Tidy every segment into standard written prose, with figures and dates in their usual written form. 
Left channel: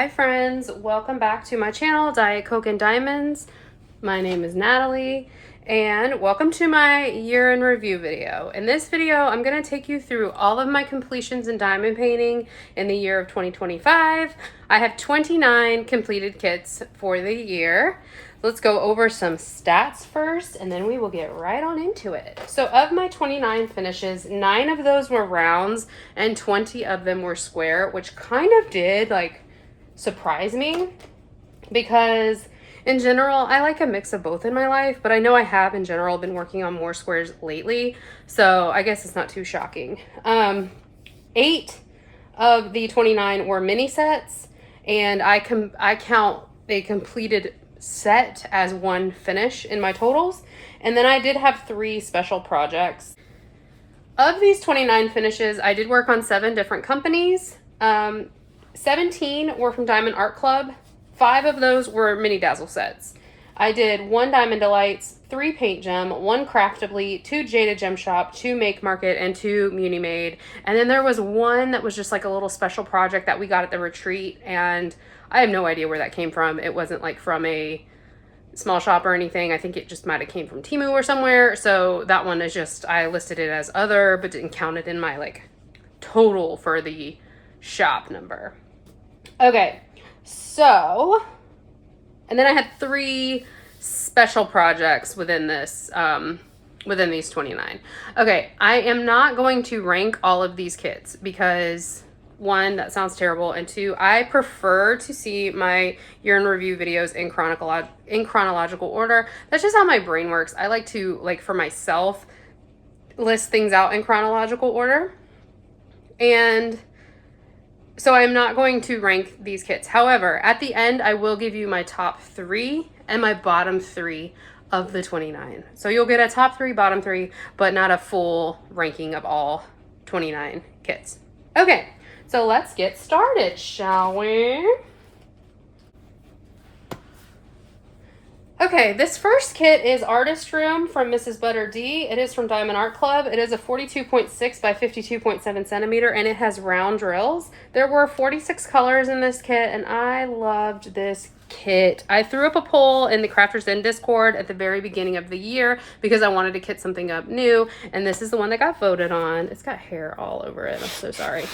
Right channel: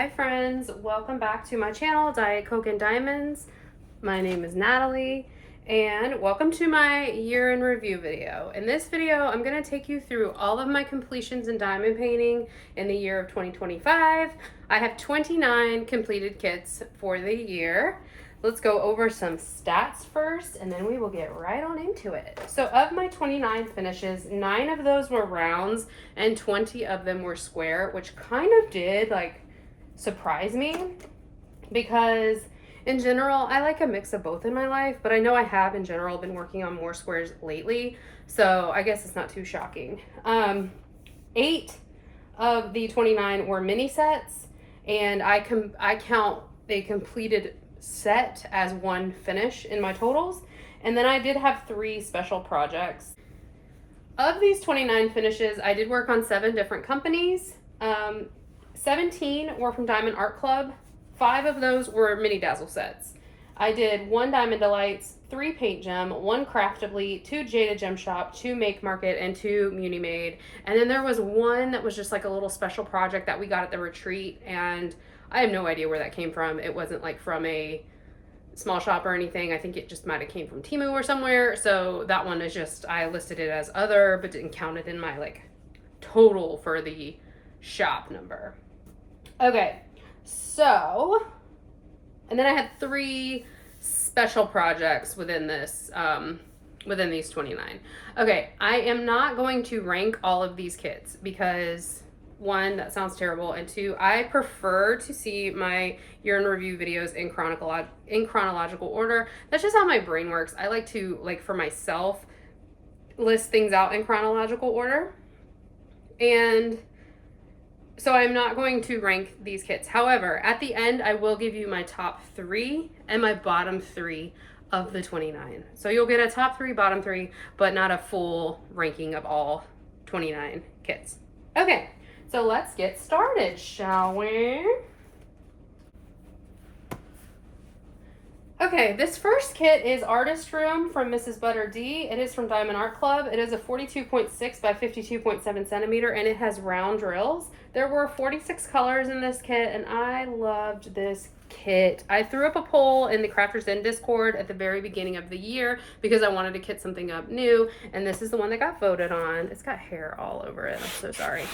Hi friends, welcome back to my channel, Diet Coke and Diamonds. My name is Natalie and welcome to my year in review video. In this video, I'm going to take you through all of my completions in diamond painting in the year of 2025. I have 29 completed kits for the year. Let's go over some stats first and then we will get right on into it. So of my 29 finishes, 9 of those were rounds and 20 of them were square, which kind of did surprise me because in general, I like a mix of both in my life, but I know I have in general been working on more squares lately, so I guess it's not too shocking. 8 of the 29 were mini sets, and I count a completed set as one finish in my totals, and then I did have 3 special projects. Of these 29 finishes, I did work on 7 different companies. 17 were from Diamond Art Club. 5 of those were mini dazzle sets. I did 1 Diamond Delights, 3 Paint Gem, 1 Craftably, 2 Jada Gem Shop, 2 Make Market, and 2 Munade. And then there was 1 that was just like a little special project that we got at the retreat, and I have no idea where that came from. It wasn't like from a small shop or anything. I think it just might have came from Temu or somewhere. So that one is just, I listed it as other, but didn't count it in my total for the shop number. Okay, so, and then I had 3 special projects within this, within these 29. Okay, I am not going to rank all of these kits because 1, that sounds terrible, and 2, I prefer to see my year in review videos in chronological order. That's just how my brain works. I like to, for myself, list things out in chronological order. And so I'm not going to rank these kits. However, at the end, I will give you my top 3 and my bottom 3 of the 29. So you'll get a top 3, bottom 3, but not a full ranking of all 29 kits. Okay, so let's get started, shall we? Okay, this first kit is Artist Room from Mrs. Butter D. It is from Diamond Art Club. It is a 42.6 by 52.7 centimeter, and it has round drills. There were 46 colors in this kit, and I loved this kit. I threw up a poll in the Crafters Den Discord at the very beginning of the year because I wanted to kit something up new, and this is the one that got voted on. It's got hair all over it. I'm so sorry.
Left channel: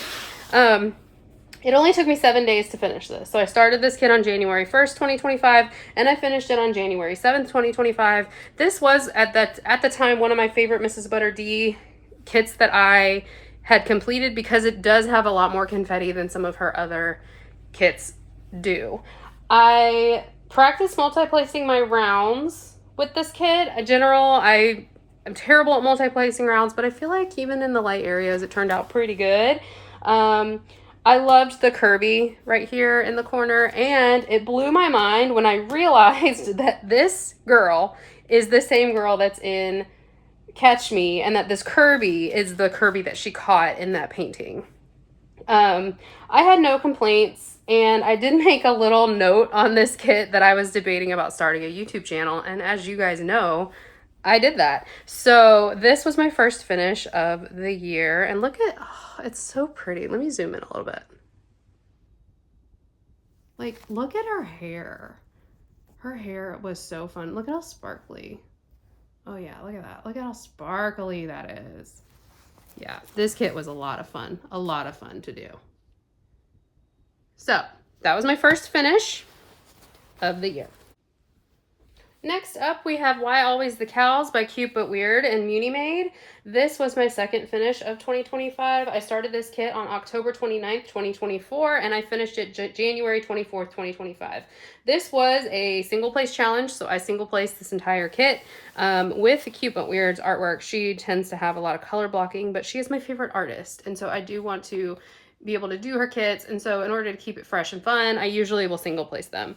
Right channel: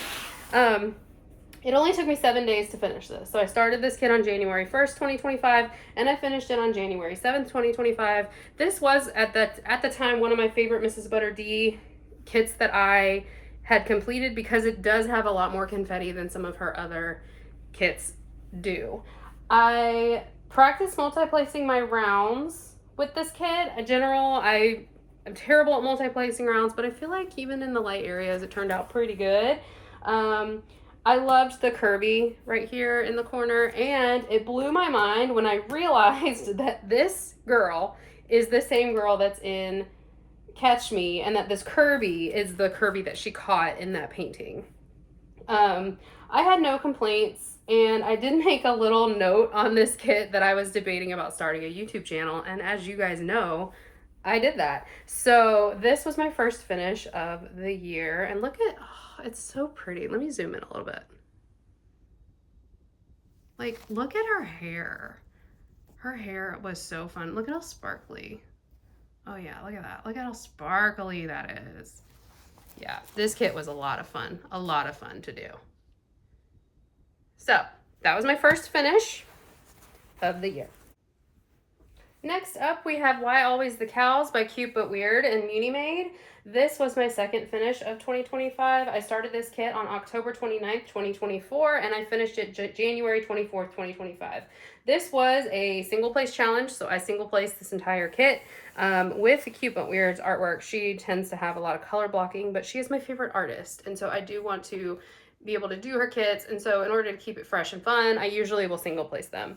It only took me 7 days to finish this. So I started this kit on January 1st, 2025, and I finished it on January 7th, 2025. This was, at the time, one of my favorite Mrs. Butter D kits that I had completed because it does have a lot more confetti than some of her other kits do. I practiced multi-placing my rounds with this kit. In general, I'm terrible at multi-placing rounds, but I feel like even in the light areas, it turned out pretty good. I loved the Kirby right here in the corner, and it blew my mind when I realized that this girl is the same girl that's in Catch Me, and that this Kirby is the Kirby that she caught in that painting. I had no complaints, and I did make a little note on this kit that I was debating about starting a YouTube channel, and as you guys know, I did that. So this was my first finish of the year, and look at, oh, it's so pretty. Let me zoom in a little bit. Look at her hair. Her hair was so fun. Look at how sparkly. Oh yeah, look at that. Look at how sparkly that is. Yeah, this kit was a lot of fun. A lot of fun to do. So that was my first finish of the year. Next up, we have Why Always the Cows by Cute But Weird and Munade. This was my second finish of 2025. I started this kit on October 29th, 2024, and I finished it January 24th, 2025. This was a single place challenge, so I single placed this entire kit. With Cute But Weird's artwork, she tends to have a lot of color blocking, but she is my favorite artist, and so I do want to be able to do her kits, and so in order to keep it fresh and fun, I usually will single place them.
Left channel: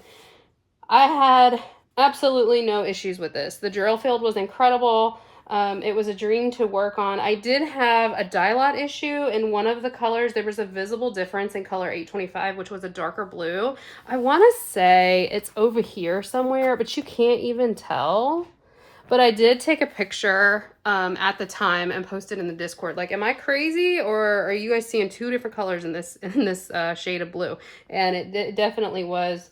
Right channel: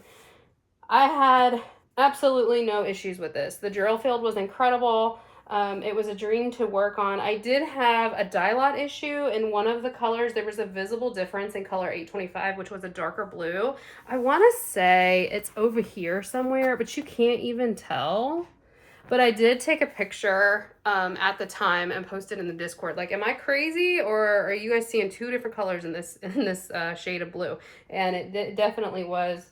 I had absolutely no issues with this. The drill field was incredible. It was a dream to work on. I did have a dye lot issue in one of the colors. There was a visible difference in color 825, which was a darker blue. I want to say it's over here somewhere, but you can't even tell. But I did take a picture at the time and post it in the Discord. Like, am I crazy, or are you guys seeing two different colors in this shade of blue? And it definitely was.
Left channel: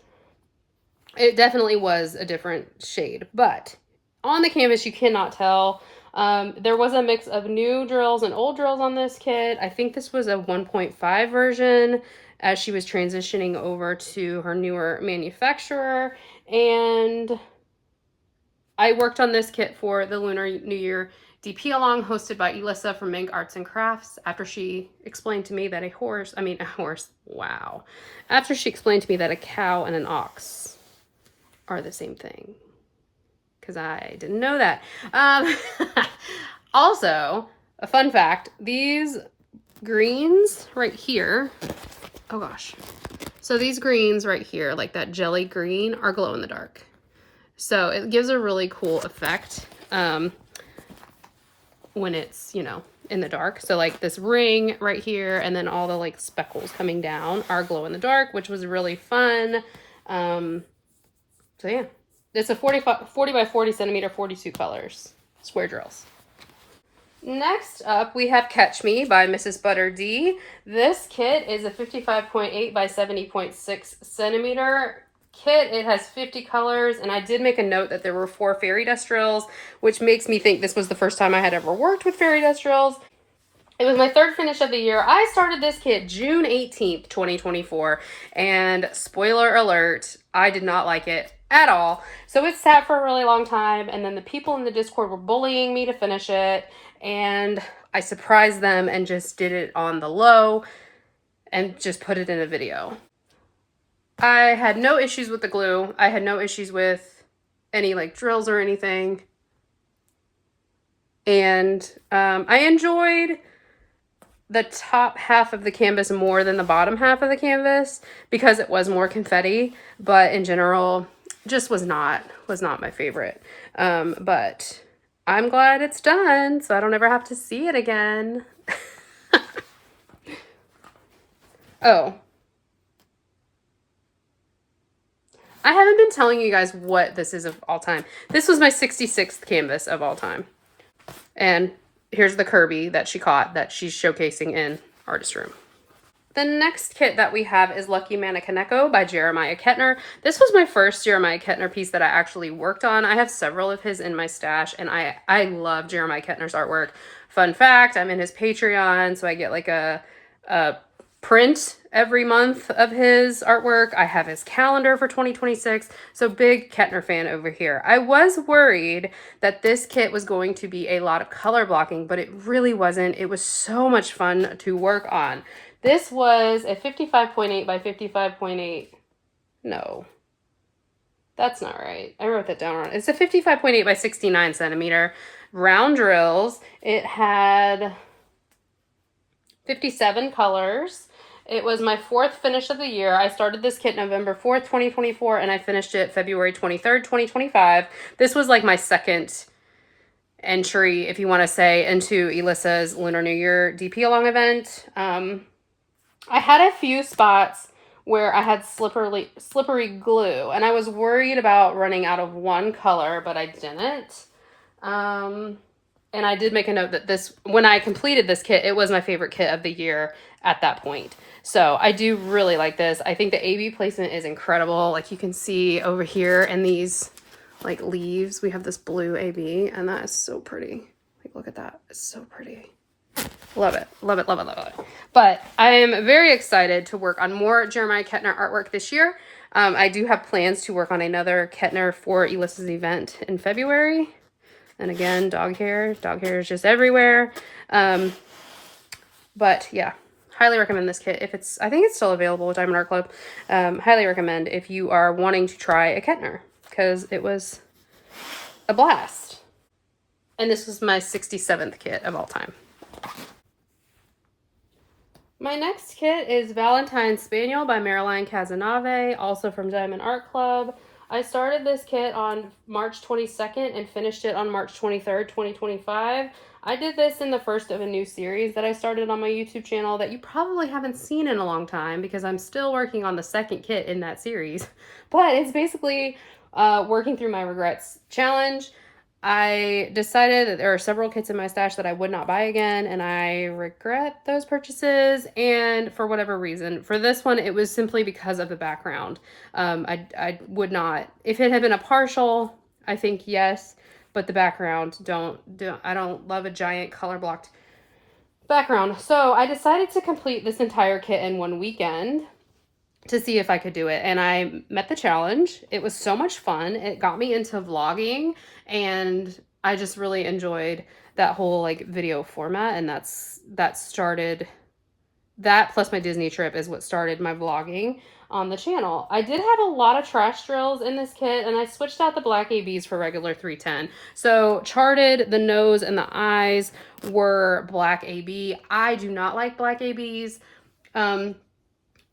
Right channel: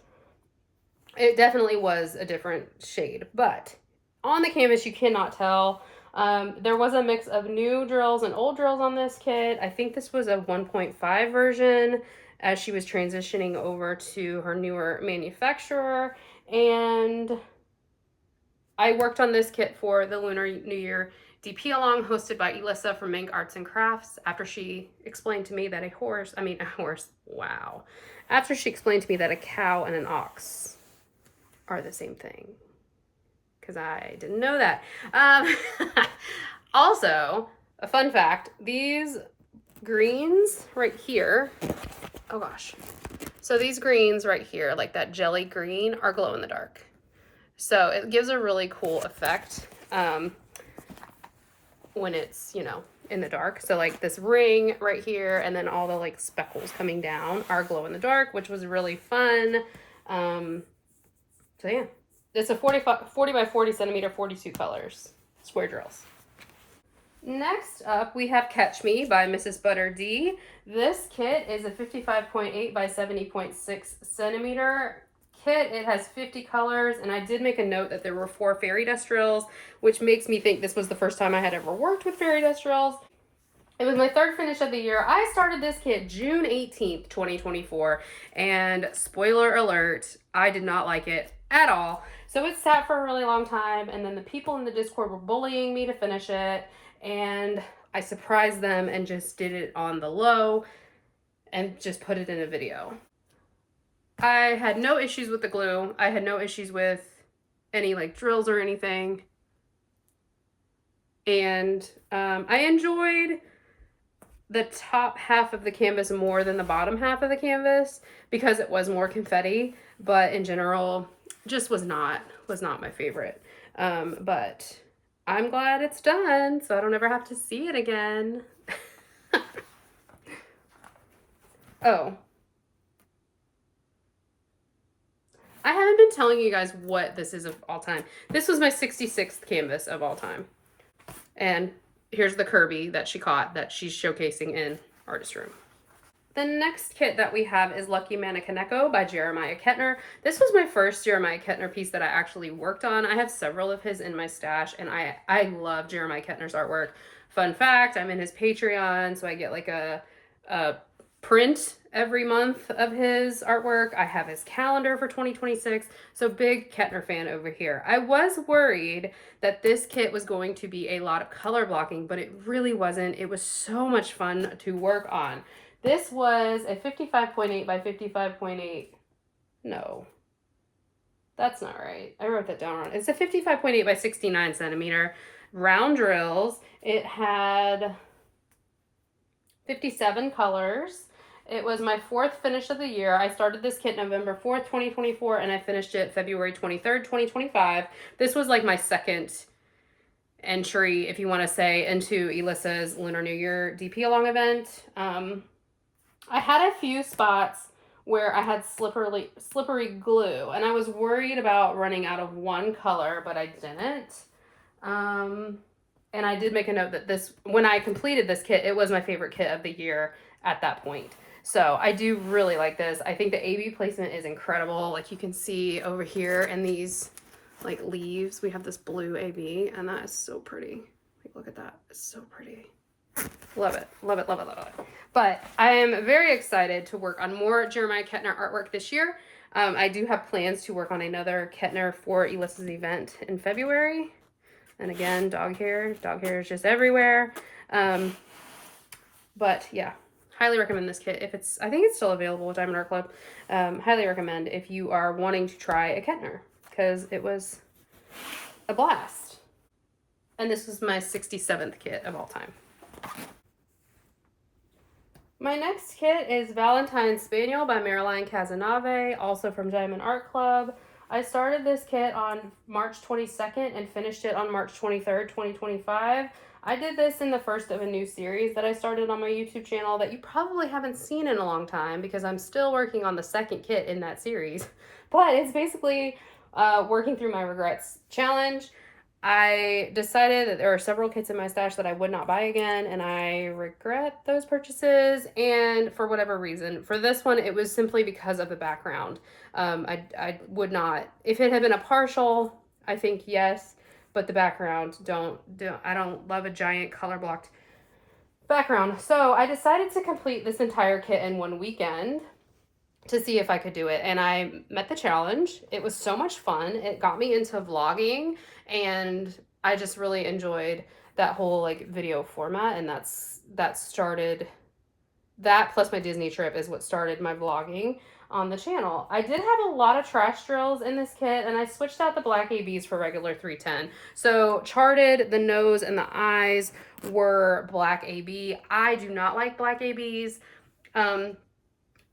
It definitely was a different shade, but on the canvas you cannot tell. There was a mix of new drills and old drills on this kit. I think this was a 1.5 version as she was transitioning over to her newer manufacturer. And I worked on this kit for the Lunar New Year DP along, hosted by Elissa from Mank Arts and Crafts, after she explained to me that after she explained to me that a cow and an ox are the same thing, because I didn't know that. Also, a fun fact, these greens right here, oh gosh, so these greens right here, like that jelly green, are glow in the dark. So it gives a really cool effect when it's, you know, in the dark. So like this ring right here, and then all the like speckles coming down are glow in the dark, which was really fun. So yeah, it's a 40 by 40 centimeter, 42 colors, square drills. Next up, we have Catch Me by Mrs. Butter D. This kit is a 55.8 by 70.6 centimeter kit. It has 50 colors, and I did make a note that there were 4 fairy dust drills, which makes me think this was the first time I had ever worked with fairy dust drills. It was my third finish of the year. I started this kit June 18th, 2024, and spoiler alert, I did not like it at all. So it sat for a really long time, and then the people in the Discord were bullying me to finish it, and I surprised them and just did it on the low and just put it in a video. I had no issues with the glue. I had no issues with any like drills or anything. And I enjoyed the top half of the canvas more than the bottom half of the canvas because it was more confetti, but in general just was not my favorite. But I'm glad it's done, so I don't ever have to see it again. Oh, I haven't been telling you guys what this is of all time. This was my 66th canvas of all time. And here's the Kirby that she caught that she's showcasing in Artist Room. The next kit that we have is Lucky Mannequineko by Jeremia Kentner. This was my first Jeremia Kentner piece that I actually worked on. I have several of his in my stash, and I love Jeremia Kentner's artwork. Fun fact, I'm in his Patreon, so I get like a print every month of his artwork. I have his calendar for 2026, so big Kentner fan over here. I was worried that this kit was going to be a lot of color blocking, but it really wasn't. It was so much fun to work on. This was a 55.8 by 55.8. No, that's not right. I wrote that down wrong. It's a 55.8 by 69 centimeter round drills. It had 57 colors. It was my 4th finish of the year. I started this kit November 4th, 2024, and I finished it February 23rd, 2025. This was like my second entry, if you want to say, into Elissa's Lunar New Year DP Along event. I had a few spots where I had slippery glue, and I was worried about running out of one color, but I didn't. And I did make a note that when I completed this kit, it was my favorite kit of the year at that point. So I do really like this. I think the AB placement is incredible. Like you can see over here in these like leaves, we have this blue AB, and that is so pretty. Like, look at that. It's so pretty. Love it. Love it, love it, love it. But I am very excited to work on more Jeremia Kentner artwork this year. I do have plans to work on another Kentner for Elissa's event in February. And again, dog hair. Dog hair is just everywhere. But yeah, highly recommend this kit. I think it's still available with Diamond Art Club. Highly recommend if you are wanting to try a Kentner, because it was a blast. And this was my 67th kit of all time. My next kit is Valentine Spaniel by Marilyn Casanave, also from Diamond Art Club. I started this kit on March 22nd and finished it on March 23rd, 2025. I did this in the first of a new series that I started on my YouTube channel that you probably haven't seen in a long time because I'm still working on the second kit in that series. But it's basically working through my regrets challenge. I decided that there are several kits in my stash that I would not buy again, and I regret those purchases. And for whatever reason, for this one, it was simply because of the background. I would not, if it had been a partial, I think yes, but the background, I don't love a giant color blocked background. So I decided to complete this entire kit in one weekend to see if I could do it. And I met the challenge. It was so much fun. It got me into vlogging, and I just really enjoyed that whole like video format. And that started, that plus my Disney trip is what started my vlogging on the channel. I did have a lot of trash drills in this kit, and I switched out the black ABs for regular 310. So charted, the nose and the eyes were black AB. I do not like black ABs.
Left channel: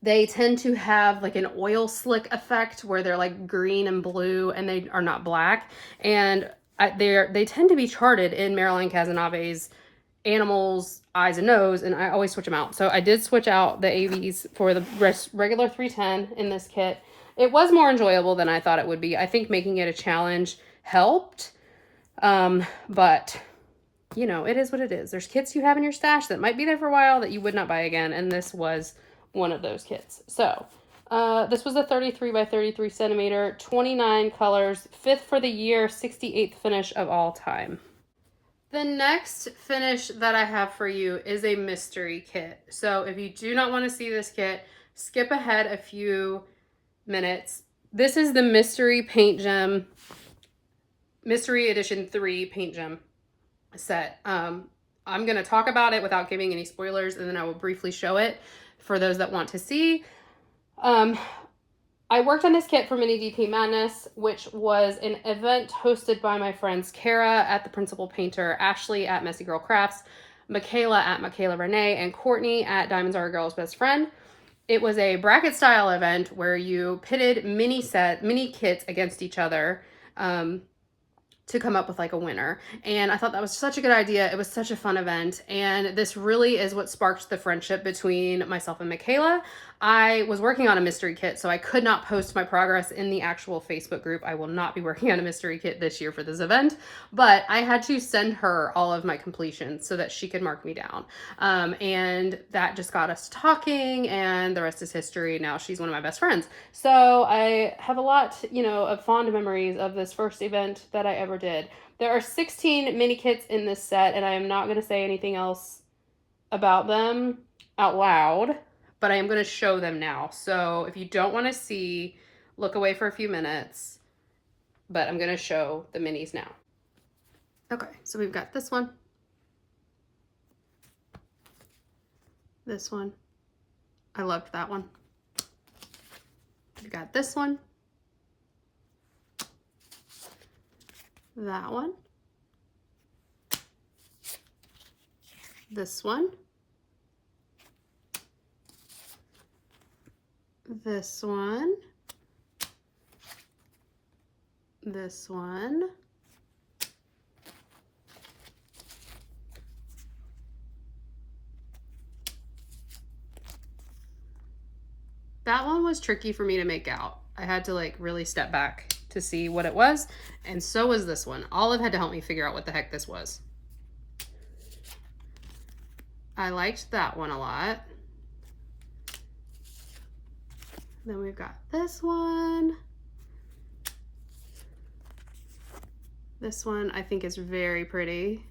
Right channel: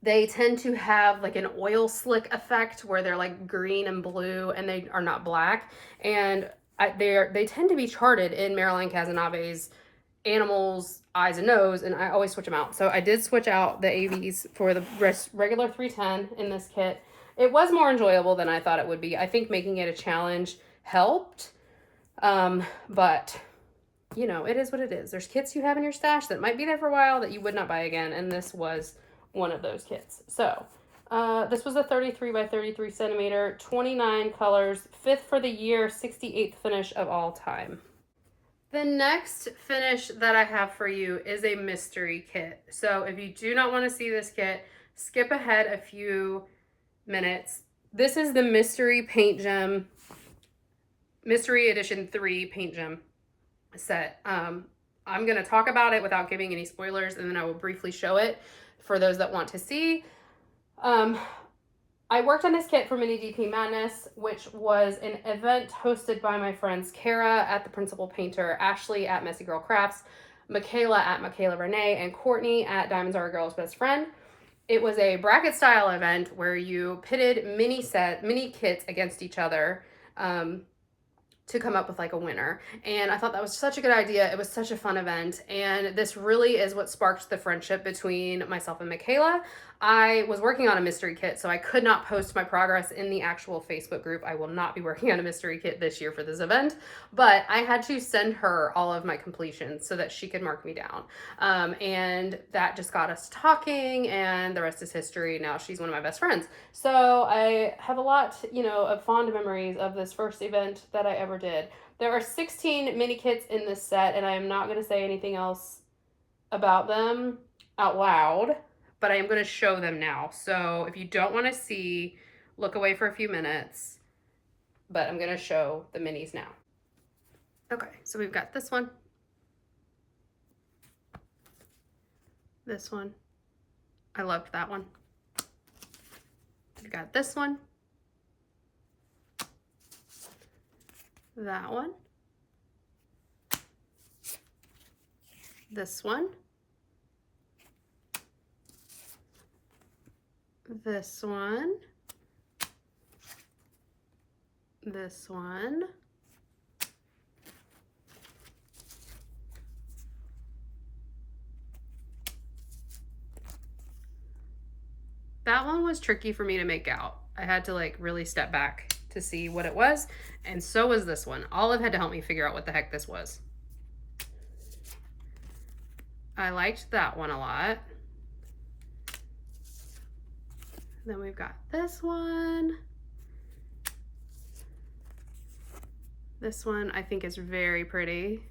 They tend to have like an oil slick effect where they're like green and blue, and they are not black. And they tend to be charted in Marilyn Casanave's animals, eyes, and nose, and I always switch them out. So I did switch out the AVs for the regular 310 in this kit. It was more enjoyable than I thought it would be. I think making it a challenge helped, but you know, it is what it is. There's kits you have in your stash that might be there for a while that you would not buy again, and this was one of those kits. So this was a 33 by 33 centimeter, 29 colors, 5th for the year, 68th finish of all time. The next finish that I have for you is a mystery kit. So if you do not want to see this kit, skip ahead a few minutes. This is the Mystery Paint Gem, Mystery Edition 3 Paint Gem set. I'm going to talk about it without giving any spoilers, and then I will briefly show it for those that want to see. I worked on this kit for Mini DP Madness, which was an event hosted by my friends Kara at The Principal Painter, Ashley at Messy Girl Crafts, Michaela at Michaela Renee, and Courtney at Diamonds Are a Girl's Best Friend. It was a bracket style event where you pitted mini kits against each other to come up with like a winner. And I thought that was such a good idea. It was such a fun event. And this really is what sparked the friendship between myself and Michaela. I was working on a mystery kit, so I could not post my progress in the actual Facebook group. I will not be working on a mystery kit this year for this event, but I had to send her all of my completions so that she could mark me down. And that just got us talking, and the rest is history. Now she's one of my best friends. So I have a lot, you know, of fond memories of this first event that I ever did. There are 16 mini kits in this set, and I am not going to say anything else about them out loud, but I am going to show them now. So if you don't want to see, look away for a few minutes, but I'm going to show the minis now. Okay, so we've got this one, this one. I loved that one. We've got this one, that one, this one, this one, this one, that one was tricky for me to make out. I had to like really step back to see what it was, and so was this one. Olive had to help me figure out what the heck this was. I liked that one a lot. Then we've got this one. This one I think is very pretty.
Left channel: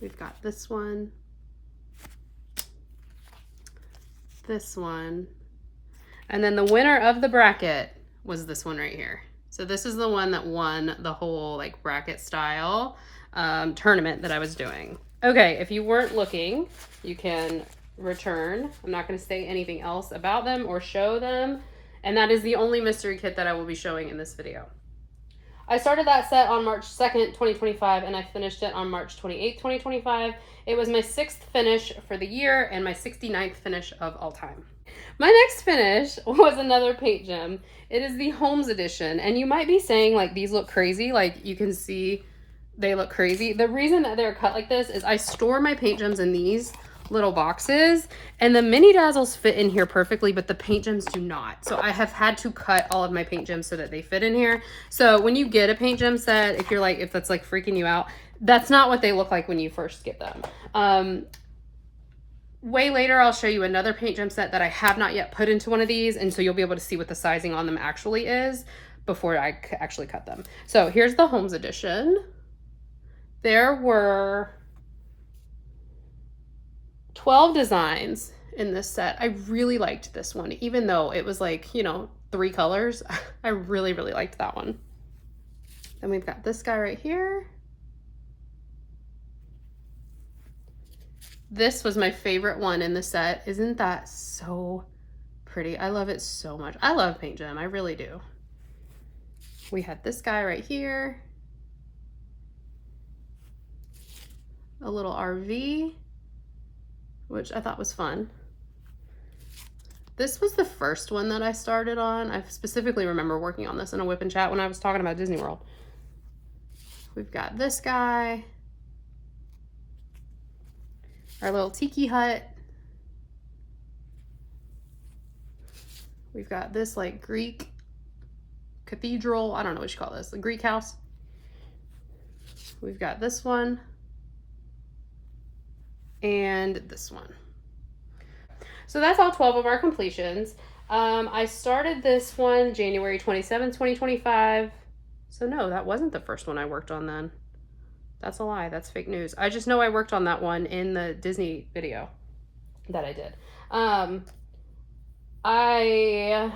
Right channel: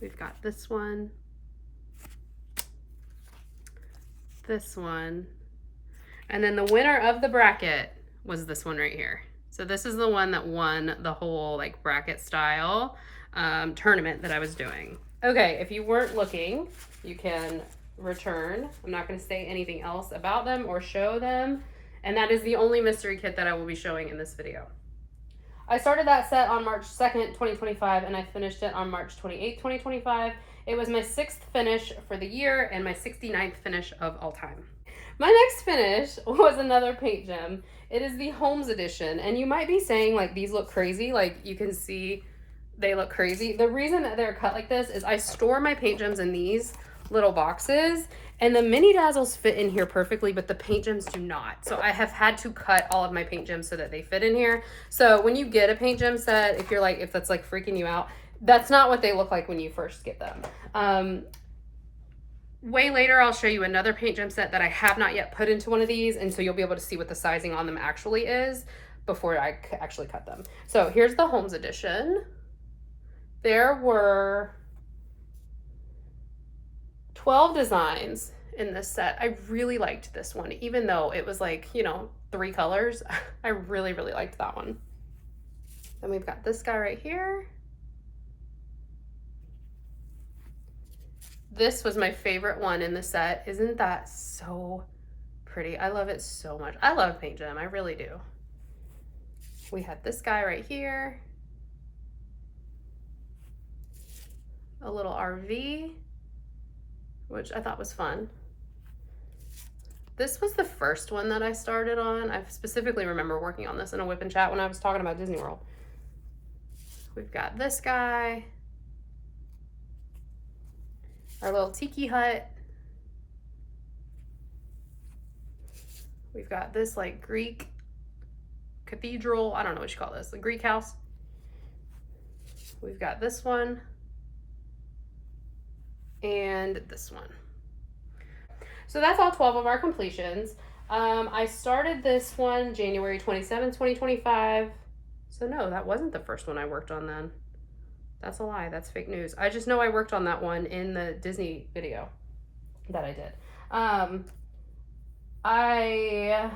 We've got this one. This one. And then the winner of the bracket was this one right here. So this is the one that won the whole like bracket style tournament that I was doing. Okay, if you weren't looking, you can return. I'm not going to say anything else about them or show them, and that is the only mystery kit that I will be showing in this video. I started that set on March 2nd, 2025, and I finished it on March 28th, 2025. It was my 6th finish for the year and my 69th finish of all time. My next finish was another paint gem. It is the Holmes edition, and you might be saying like these look crazy, like you can see they look crazy. The reason that they're cut like this is I store my paint gems in these little boxes, and the mini dazzles fit in here perfectly, but the paint gems do not. So I have had to cut all of my paint gems so that they fit in here. So when you get a paint gem set, if that's like freaking you out, that's not what they look like when you first get them. Way later, I'll show you another paint gem set that I have not yet put into one of these, and so you'll be able to see what the sizing on them actually is before I actually cut them. So here's the Holmes edition. There were 12 designs in this set. I really liked this one, even though it was like, you know, 3 colors. I really, really liked that one. Then we've got this guy right here. This was my favorite one in the set. Isn't that so pretty? I love it so much. I love paint gem, I really do. We had this guy right here. A little RV, which I thought was fun. This was the first one that I started on. I specifically remember working on this in a whip and chat when I was talking about Disney World. We've got this guy. Our little tiki hut. We've got this like Greek cathedral. I don't know what you call this. The Greek house. We've got this one. And this one. So that's all 12 of our completions. I started this one January 27th, 2025. So no, that wasn't the first one I worked on then. That's a lie. That's fake news. I just know I worked on that one in the Disney video that I did. I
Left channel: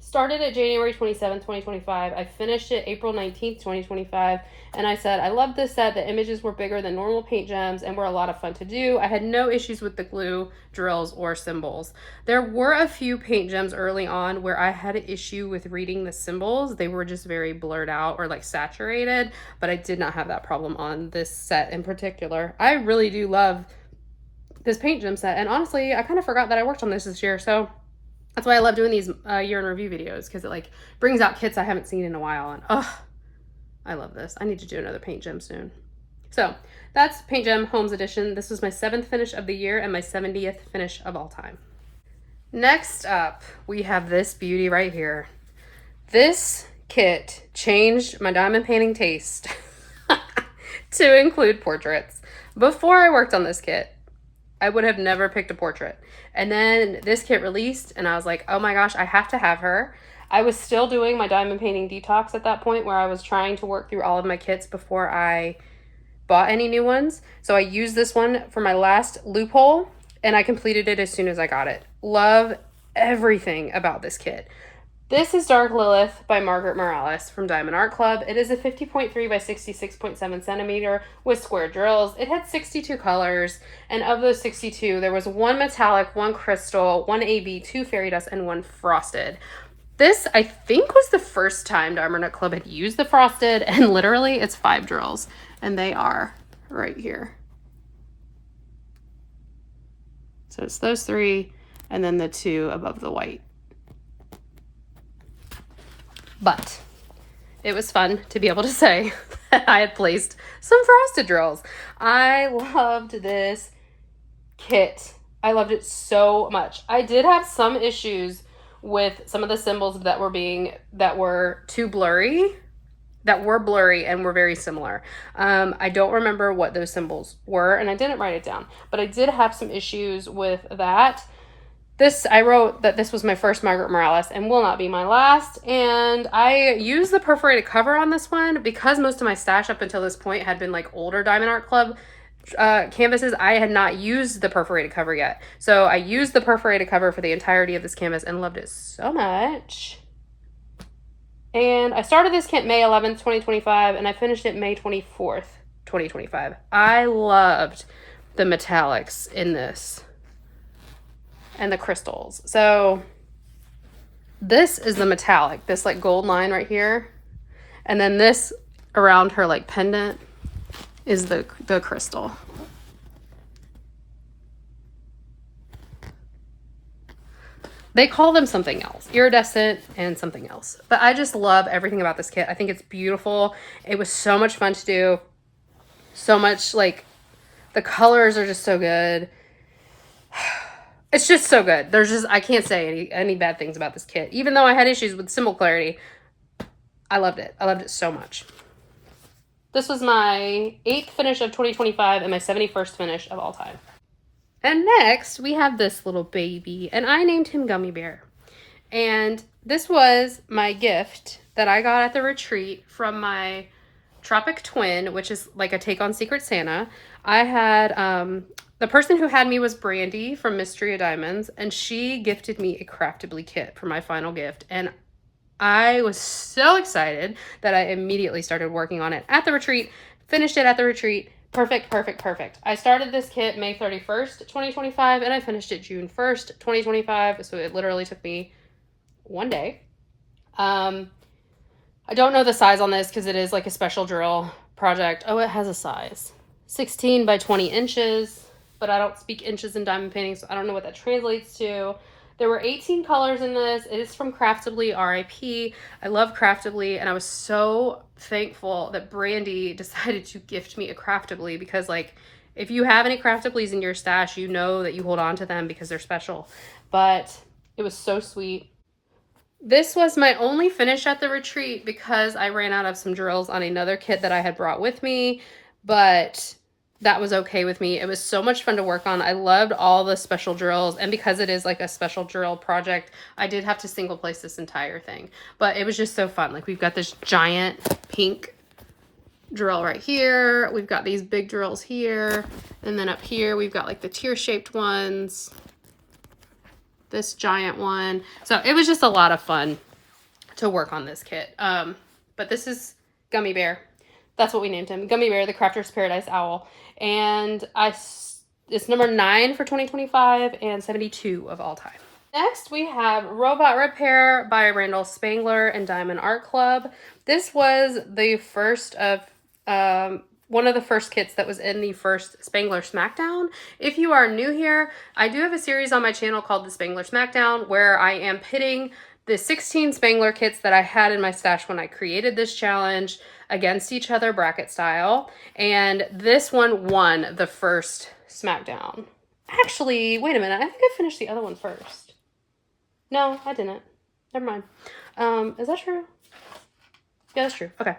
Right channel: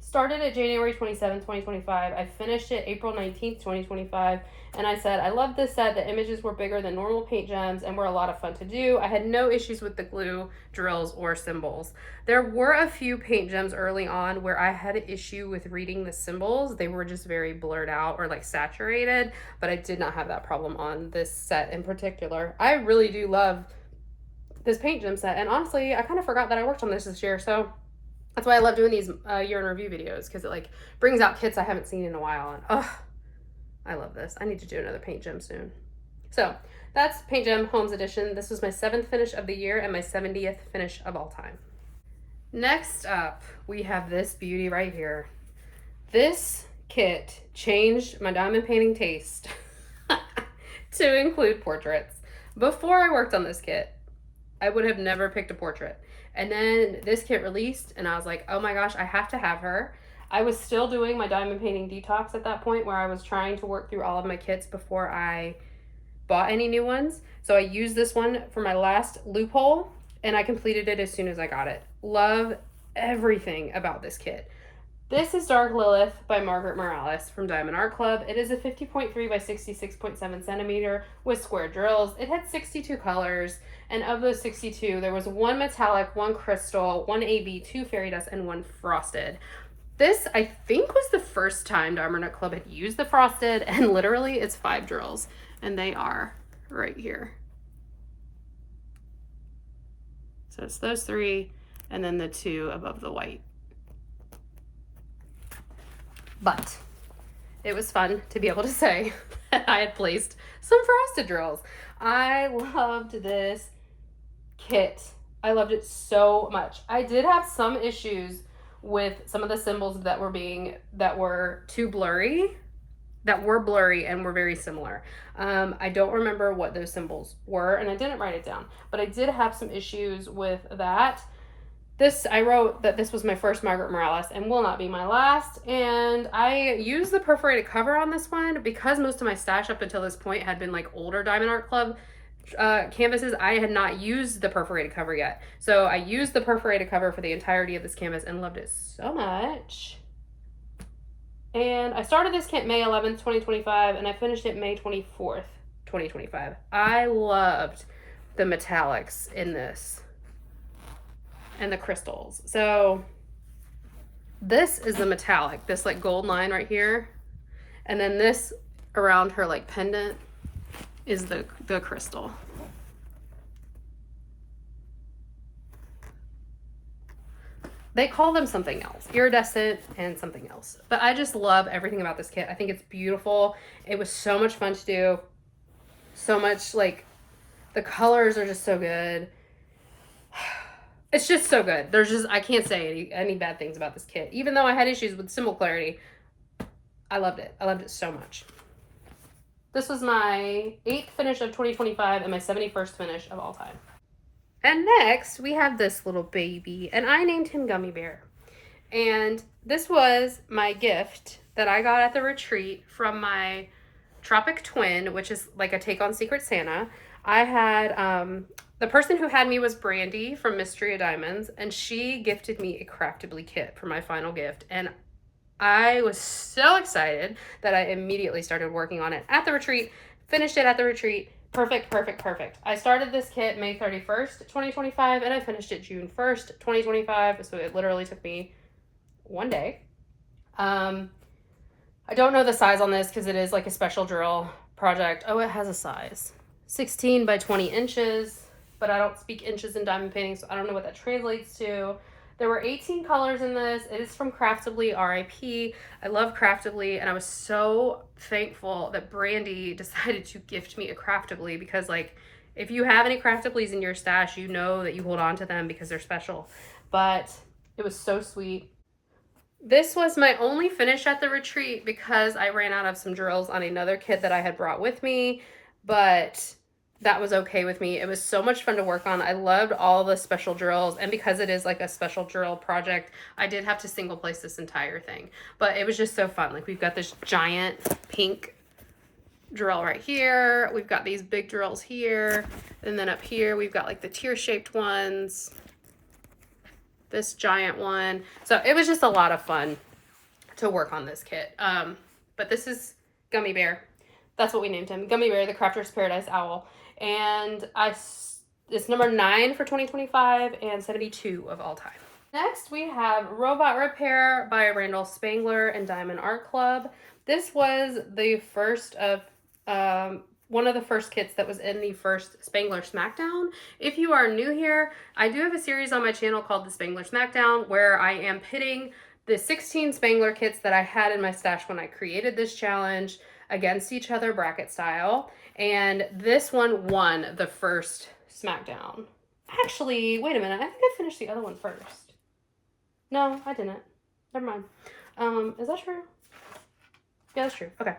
started it January 27th, 2025. I finished it April 19th, 2025. And I said, I love this set. The images were bigger than normal paint gems and were a lot of fun to do. I had no issues with the glue, drills, or symbols. There were a few paint gems early on where I had an issue with reading the symbols. They were just very blurred out or like saturated, but I did not have that problem on this set in particular. I really do love this paint gem set. And honestly, I kind of forgot that I worked on this year. So that's why I love doing these year in review videos, because it like brings out kits I haven't seen in a while. And oh, I love this. I need to do another paint gem soon. So that's Paint Gem Holmes Edition. This was my 7th finish of the year and my 70th finish of all time. Next up, we have this beauty right here. This kit changed my diamond painting taste to include portraits. Before I worked on this kit, I would have never picked a portrait. And then this kit released and I was like, oh my gosh, I have to have her. I was still doing my diamond painting detox at that point, where I was trying to work through all of my kits before I bought any new ones. So I used this one for my last loophole and I completed it as soon as I got it. Love everything about this kit. This is Dark Lilith by Margaret Morales from Diamond Art Club. It is a 50.3 by 66.7 centimeter with square drills. It had 62 colors, and of those 62, there was 1 metallic, 1 crystal, 1 AB, 2 fairy dust, and 1 frosted. This, I think, was the first time Diamond Art Club had used the frosted, and literally it's 5 drills, and they are right here. So it's those 3, and then the 2 above the white. But it was fun to be able to say that I had placed some frosted drills. I loved this kit. I loved it so much. I did have some issues with some of the symbols that were too blurry, that were blurry and were very similar. I don't remember what those symbols were, and I didn't write it down, but I did have some issues with that. I wrote that this was my first Margaret Morales and will not be my last, and I used the perforated cover on this one because most of my stash up until this point had been like older Diamond Art Club canvases. I had not used the perforated cover yet, so I used the perforated cover for the entirety of this canvas and loved it so much. And I started this kit May 11th, 2025, and I finished it May 24th, 2025. I loved the metallics in this and the crystals. So this is the metallic, this like gold line right here, and then this around her like pendant is the crystal. They call them something else, iridescent and something else, but I just love everything about this kit. I think it's beautiful. It was so much fun to do. So much, like, the colors are just so good. It's just so good. There's just, I can't say any bad things about this kit. Even though I had issues with symbol clarity, I loved it. I loved it so much. This was my 8th finish of 2025 and my 71st finish of all time. And next, we have this little baby, and I named him Gummy Bear. And this was my gift that I got at the retreat from my Tropic Twin, which is like a take on Secret Santa. I had, the person who had me was Brandy from Mystery of Diamonds, and she gifted me a Craftibly kit for my final gift. And I was so excited that I immediately started working on it at the retreat, finished it at the retreat. Perfect, perfect, perfect. I started this kit May 31st, 2025, and I finished it June 1st, 2025. So it literally took me one day. I don't know the size on this because it is like a special drill project. Oh, it has a size. 16 by 20 inches, but I don't speak inches in diamond painting, so I don't know what that translates to. There were 18 colors in this. It is from Craftably, RIP. I love Craftably, and I was so thankful that Brandy decided to gift me a Craftably because, like, if you have any Craftablys in your stash, you know that you hold on to them because they're special. But it was so sweet. This was my only finish at the retreat because I ran out of some drills on another kit that I had brought with me, but that was okay with me. It was so much fun to work on. I loved all the special drills, and because it is like a special drill project, I did have to single place this entire thing, but it was just so fun. Like, we've got this giant pink drill right here. We've got these big drills here, and then up here we've got like the tear-shaped ones, this giant one. So it was just a lot of fun to work on this kit. But this is Gummy Bear. That's what we named him. Gummy Bear, the Crafter's Paradise Owl. And it's number 9 for 2025 and 72 of all time. Next, we have Robot Repair by Randall Spangler and Diamond Art Club. This was the first of, one of the first kits that was in the first Spangler Smackdown. If you are new here, I do have a series on my channel called the Spangler Smackdown where I am pitting the 16 Spangler kits that I had in my stash when I created this challenge against each other bracket style, and this one won the first Smackdown. Actually, wait a minute, I think I finished the other one first. No, I didn't. Never mind. Is that true? Yeah, that's true. Okay.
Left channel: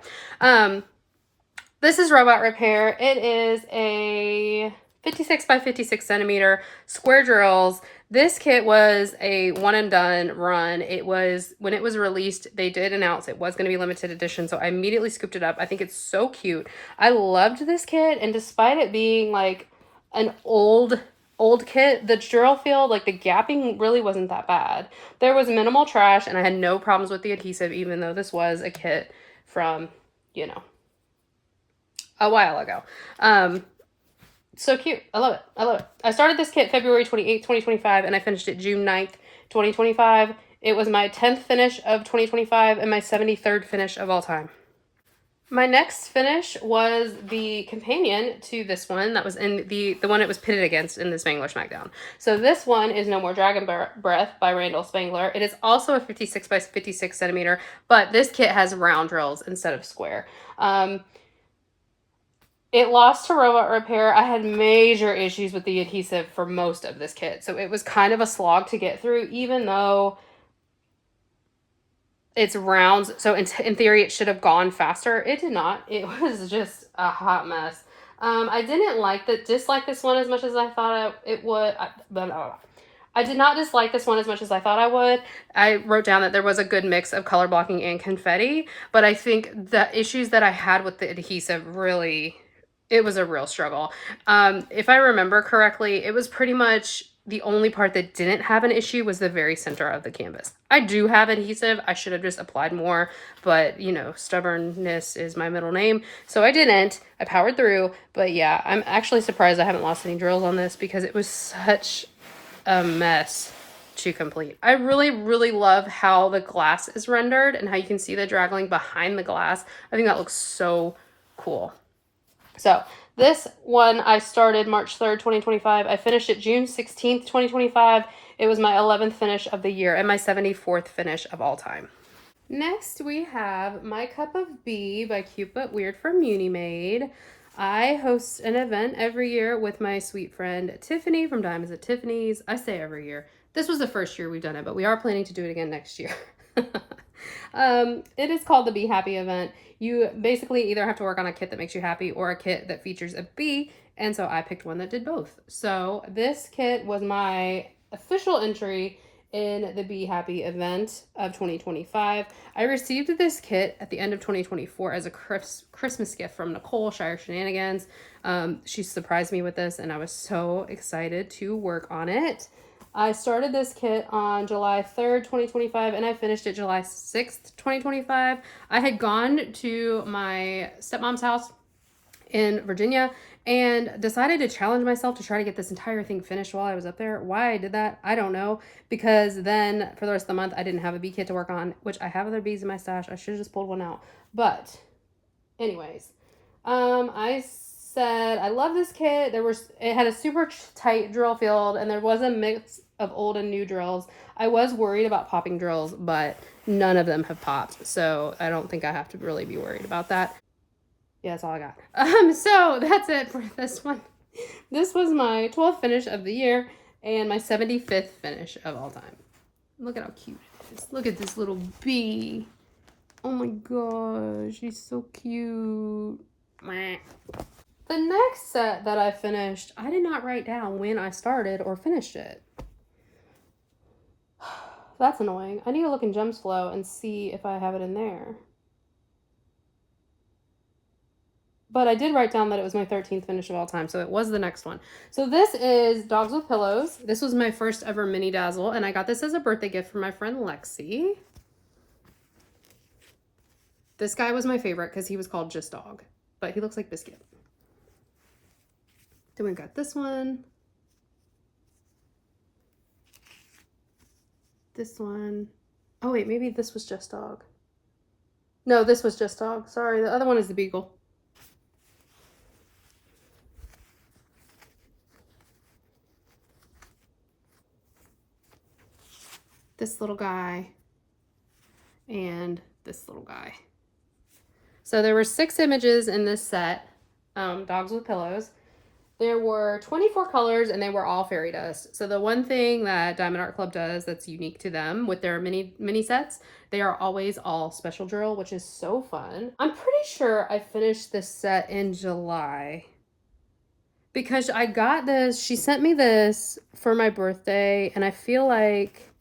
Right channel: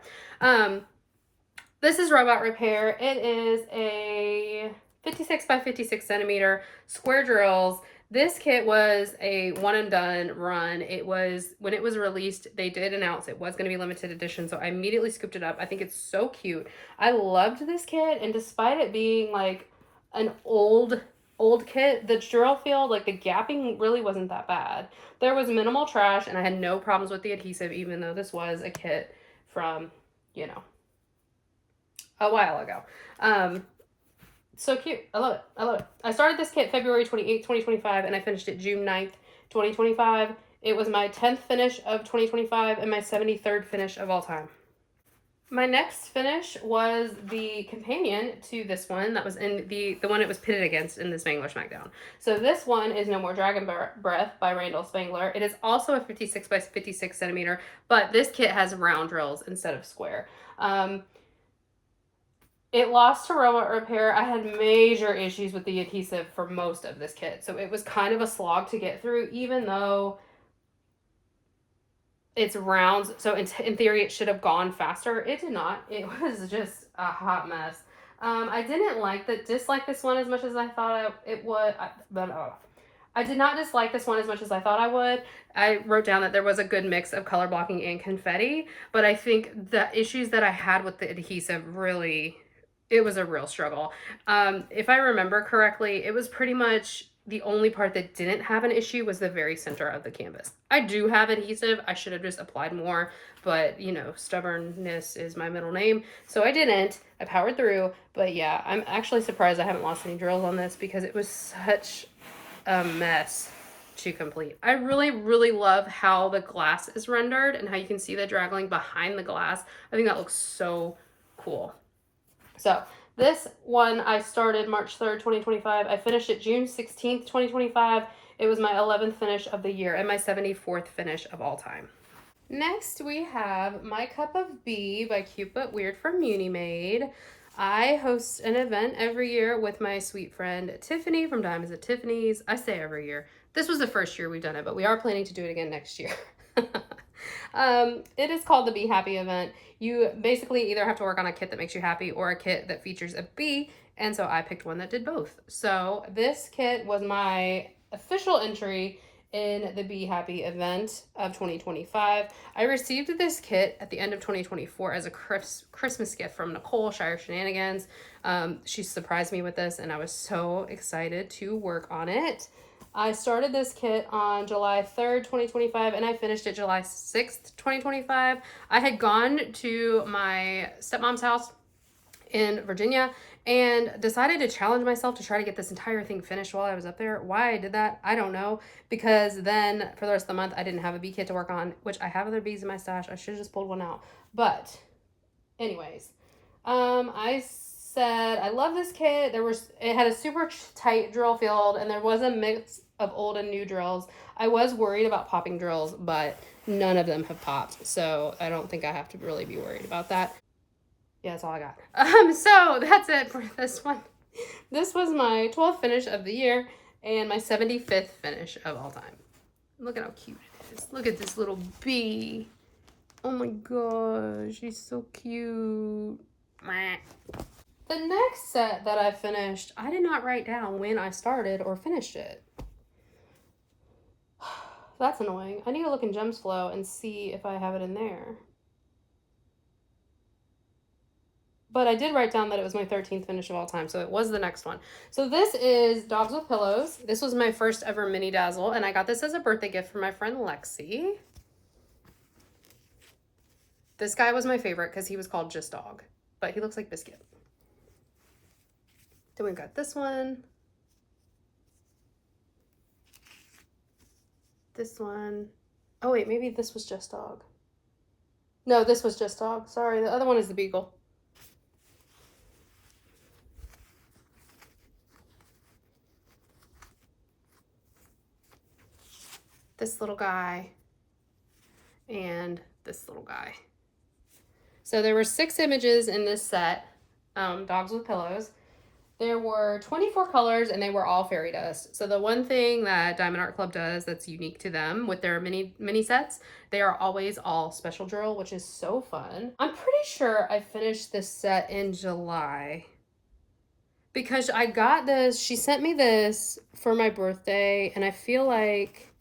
This is Robot Repair. It is a 56 by 56 centimeter square drills. This kit was a one and done run. It was, when it was released, they did announce it was going to be limited edition, so I immediately scooped it up. I think it's so cute. I loved this kit, and despite it being like an old kit, the drill field, like the gapping really wasn't that bad. There was minimal trash, and I had no problems with the adhesive, even though this was a kit from, you know, a while ago. So cute. I love it. I love it. I started this kit February 28th, 2025, and I finished it June 9th, 2025. It was my 10th finish of 2025 and my 73rd finish of all time. My next finish was the companion to this one that was in the one it was pitted against in the Spangler Smackdown. So this one is No More Dragon Breath by Randall Spangler. It is also a 56 by 56 centimeter, but this kit has round drills instead of square. It lost to Robot Repair. I had major issues with the adhesive for most of this kit, so it was kind of a slog to get through, even though it's rounds. So in theory, it should have gone faster. It did not. It was just a hot mess. I didn't dislike this one as much as I thought it would, I did not dislike this one as much as I thought I would. I wrote down that there was a good mix of color blocking and confetti, but I think the issues that I had with the adhesive really, it was a real struggle. If I remember correctly, it was pretty much the only part that didn't have an issue was the very center of the canvas. I do have adhesive. I should have just applied more, but you know, stubbornness is my middle name. So I didn't. I powered through, but yeah, I'm actually surprised I haven't lost any drills on this because it was such a mess to complete. I really, really love how the glass is rendered and how you can see the draggling behind the glass. I think that looks so cool. So this one I started March 3rd, 2025. I finished it June 16th, 2025. It was my 11th finish of the year and my 74th finish of all time. Next we have My Cup of Bee by Cute But Weird from Munade. I host an event every year with my sweet friend Tiffany from Diamonds at Tiffany's. I say every year. This was the first year we've done it, but we are planning to do it again next year. It is called the Be Happy event. You basically either have to work on a kit that makes you happy or a kit that features a bee, and so I picked one that did both. So this kit was my official entry in the Be Happy event of 2025. I received this kit at the end of 2024 as a Christmas gift from Nicole, Shire Shenanigans. She surprised me with this and I was so excited to work on it. I started this kit on July 3rd, 2025, and I finished it July 6th, 2025. I had gone to my stepmom's house in Virginia and decided to challenge myself to try to get this entire thing finished while I was up there. Why I did that, I don't know, because then for the rest of the month, I didn't have a bee kit to work on, which I have other bees in my stash. I should have just pulled one out. But anyways, I said, I love this kit. It had a super tight drill field and there was a mix of old and new drills. I was worried about popping drills, but none of them have popped. So I don't think I have to really be worried about that. Yeah, that's all I got. So that's it for this one. This was my 12th finish of the year and my 75th finish of all time. Look at how cute it is. Look at this little bee. Oh my gosh, she's so cute. The next set that I finished, I did not write down when I started or finished it. That's annoying. I need to look in Gems Flow and see if I have it in there. But I did write down that it was my 13th finish of all time, so it was the next one. So this is Dogs with Pillows. This was my first ever mini dazzle, and I got this as a birthday gift from my friend Lexi. This guy was my favorite because he was called Just Dog, but he looks like Biscuit. Then we got this one. This one. Oh wait, maybe this was Just Dog. No, this was Just Dog. Sorry, the other one is the Beagle. This little guy and this little guy. So there were 6 images in this set, Dogs with Pillows. There were 24 colors and they were all fairy dust. So the one thing that Diamond Art Club does that's unique to them with their mini sets, they are always all special drill, which is so fun. I'm pretty sure I finished this set in July because I got this, she sent me this for my birthday and I feel like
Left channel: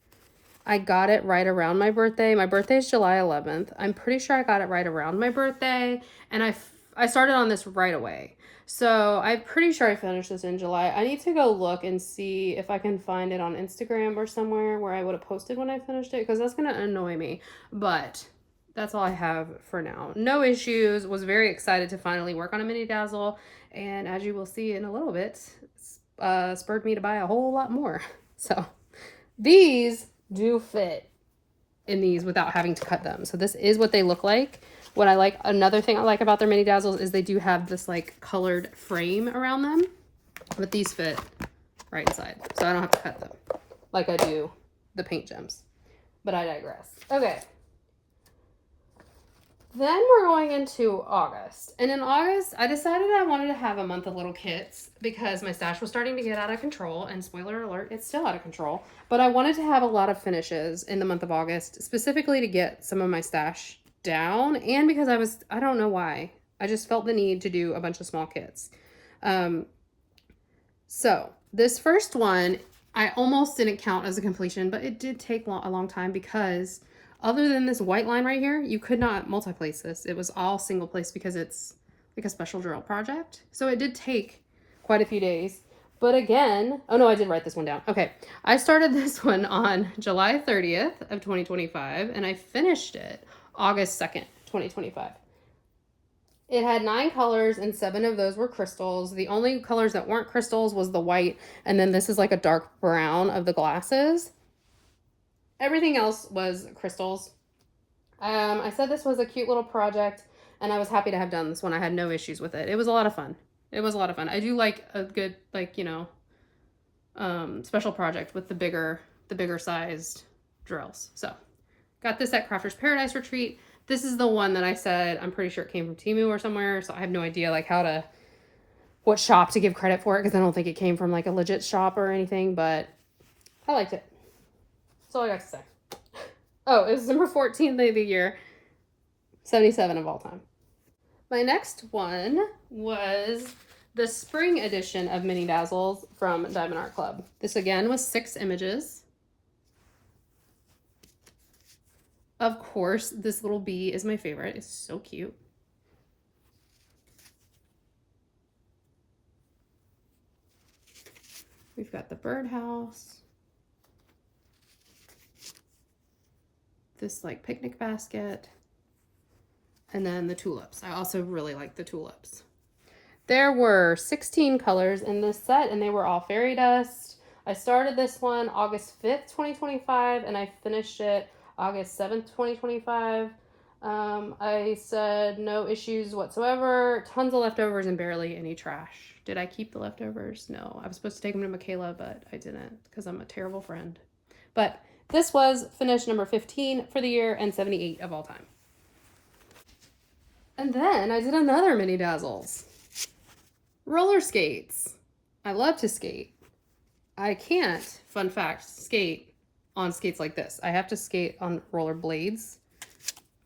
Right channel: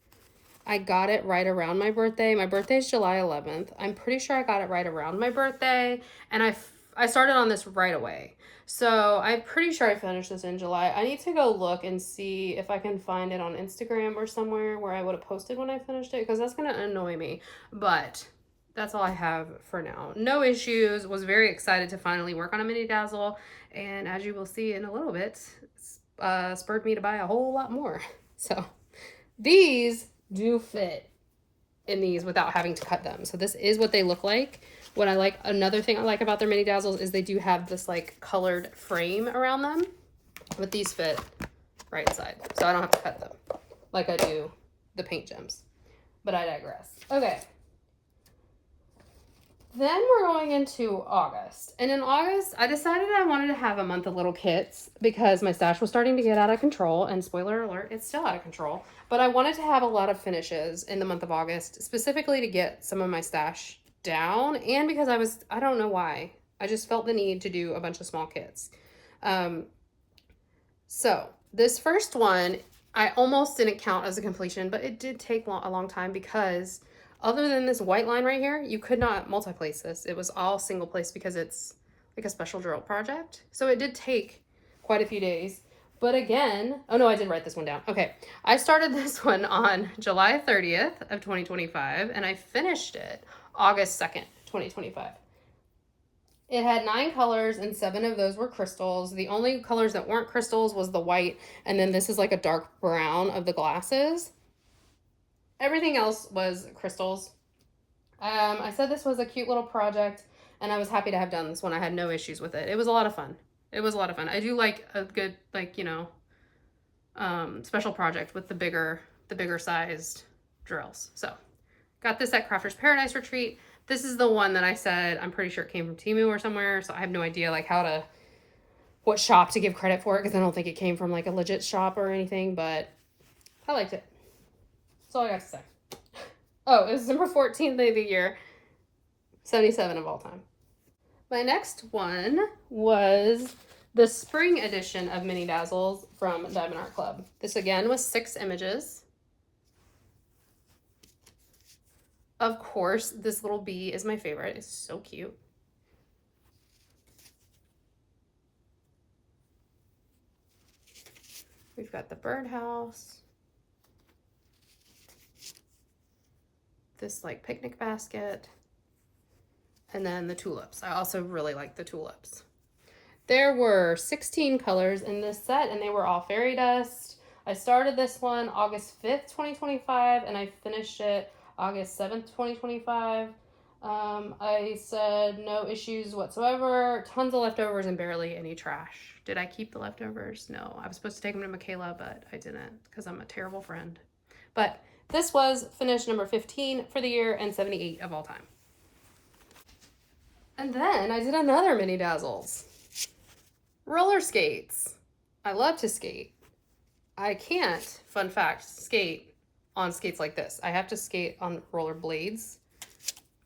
I got it right around my birthday. My birthday is July 11th. I'm pretty sure I got it right around my birthday and I started on this right away. So I'm pretty sure I finished this in July. I need to go look and see if I can find it on Instagram or somewhere where I would have posted when I finished it because that's going to annoy me. But that's all I have for now. No issues. Was very excited to finally work on a mini dazzle. And as you will see in a little bit, spurred me to buy a whole lot more. So these do fit in these without having to cut them. So this is what they look like. What I like, another thing I like about their mini dazzles is they do have this like colored frame around them, but these fit right inside. So I don't have to cut them like I do the paint gems, but I digress. Okay. Then we're going into August. And in August, I decided I wanted to have a month of little kits because my stash was starting to get out of control. And spoiler alert, it's still out of control. But I wanted to have a lot of finishes in the month of August, specifically to get some of my stash down. And because I don't know why, I just felt the need to do a bunch of small kits. So this first one, I almost didn't count as a completion, but it did take a long time because other than this white line right here, you could not multi-place this. It was all single place because it's like a special drill project. So it did take quite a few days. But again, oh no, I did write this one down. Okay, I started this one on July 30th of 2025 and I finished it August 2nd, 2025. It had 9 colors and 7 of those were crystals. The only colors that weren't crystals was the white, and then this is like a dark brown of the glasses. Everything else was crystals. I said this was a cute little project, and I was happy to have done this one. I had no issues with it. It was a lot of fun. It was a lot of fun. I do like a good, like, you know, special project with the bigger sized drills. So got this at Crafter's Paradise Retreat. This is the one that I said, I'm pretty sure it came from Temu or somewhere. So I have no idea like how to what shop to give credit for it, because I don't think it came from like a legit shop or anything, but I liked it. That's all I got to say. Oh, it was number 14 of the year, 77 of all time. My next one was the spring edition of Mini Dazzles from Diamond Art Club. This again was 6 images. Of course, this little bee is my favorite. It's so cute. We've got the birdhouse. This like picnic basket. And then the tulips. I also really like the tulips. There were 16 colors in this set, and they were all fairy dust. I started this one August 5th, 2025, and I finished it August 7th, 2025. I said no issues whatsoever, tons of leftovers and barely any trash. Did I keep the leftovers? No, I was supposed to take them to Michaela, but I didn't because I'm a terrible friend. But this was finished number 15 for the year and 78 of all time. And then I did another Mini Dazzles. Roller skates. I love to skate. I can't, fun fact, skate on skates like this. I have to skate on roller blades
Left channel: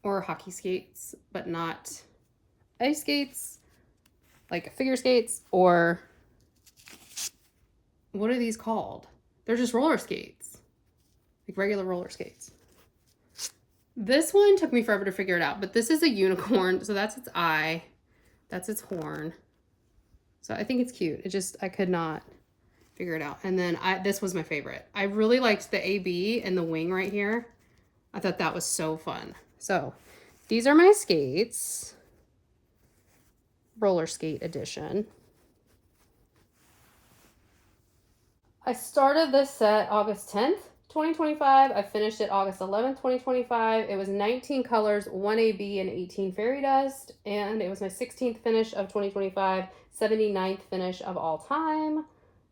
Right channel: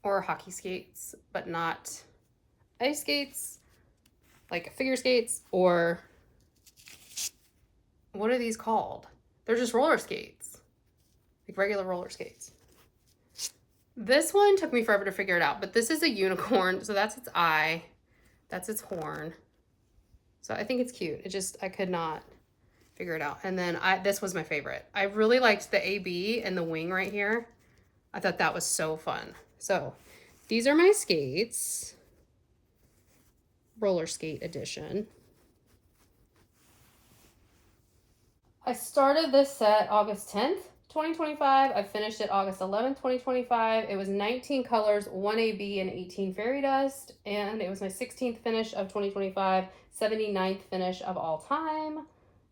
or hockey skates, but not ice skates, like figure skates, or what are these called? They're just roller skates, like regular roller skates. This one took me forever to figure it out, but this is a unicorn, so that's its eye, that's its horn. So I think it's cute. I could not figure it out. And then this was my favorite. I really liked the AB and the wing right here. I thought that was so fun. So these are my skates. Roller skate edition. I started this set August 10th, 2025. I finished it August 11th, 2025. It was 19 colors, 1 AB and 18 fairy dust. And it was my 16th finish of 2025, 79th finish of all time.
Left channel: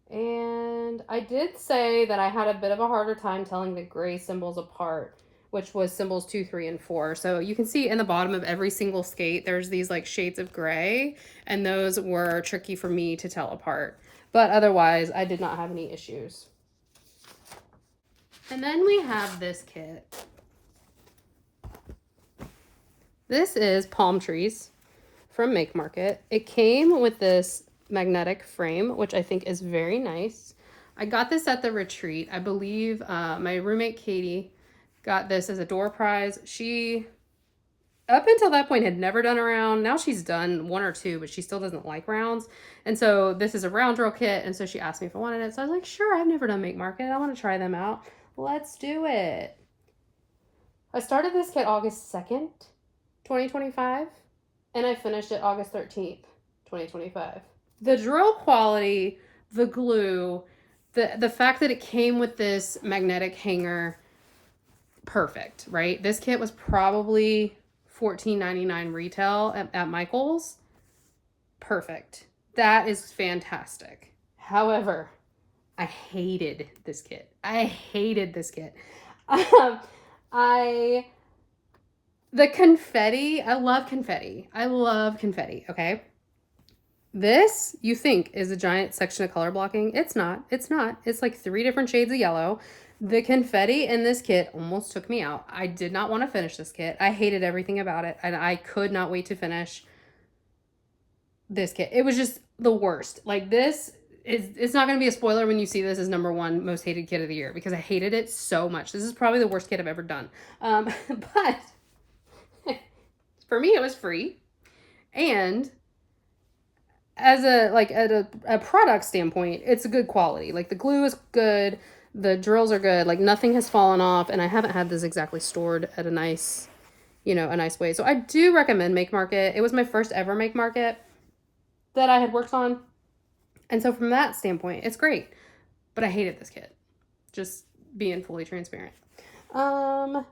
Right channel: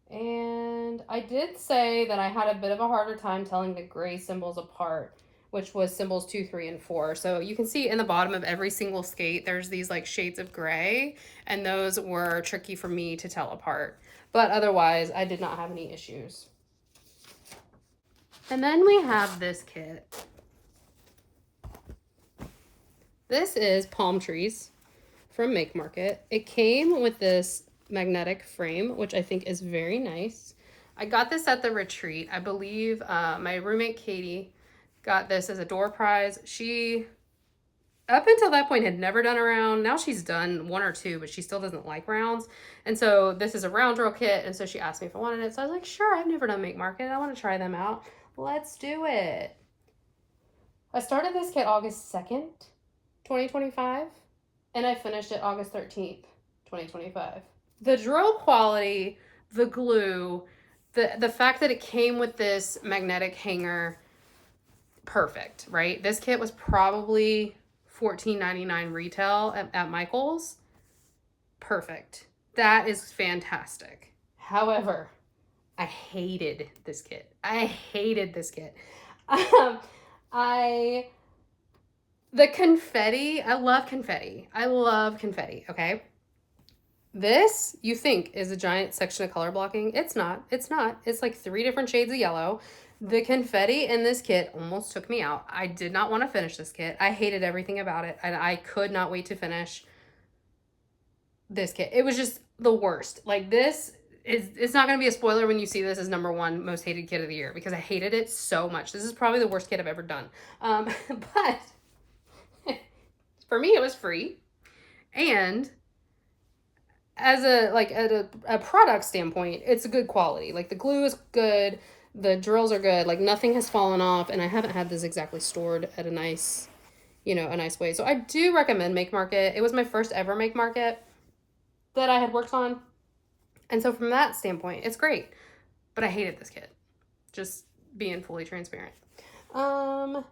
And I did say that I had a bit of a harder time telling the gray symbols apart, which was symbols 2, 3, and 4. So you can see in the bottom of every single skate, there's these like shades of gray, and those were tricky for me to tell apart. But otherwise, I did not have any issues. And then we have this kit. This is palm trees from Make Market. It came with this magnetic frame, which I think is very nice. I got this at the retreat. I believe my roommate Katie got this as a door prize. She, up until that point, had never done a round. Now she's done 1 or 2, but she still doesn't like rounds. And so this is a round drill kit, and so she asked me if I wanted it. So I was like, sure, I've never done Make Market. I want to try them out. Let's do it. I started this kit August 2nd, 2025, and I finished it August 13th, 2025. The drill quality, the glue, the fact that it came with this magnetic hanger, perfect, right? This kit was probably $14.99 retail at Michael's. Perfect. That is fantastic. However, I hated this kit. I hated this kit. The confetti, I love confetti. I love confetti, okay? This, you think, is a giant section of color blocking. It's not. It's not. It's like 3 different shades of yellow. The confetti in this kit almost took me out. I did not want to finish this kit. I hated everything about it, and I could not wait to finish this kit. It was just the worst. Like, it's not going to be a spoiler when you see this as number 1 most hated kit of the year, because I hated it so much. This is probably the worst kit I've ever done. But for me, it was free. And as a product standpoint, it's a good quality. Like, the glue is good, the drills are good, like nothing has fallen off, and I haven't had this exactly stored at a nice way. So I do recommend Make Market. It was my first ever Make Market that I had worked on. And so from that standpoint, it's great. But I hated this kit. Just being fully transparent.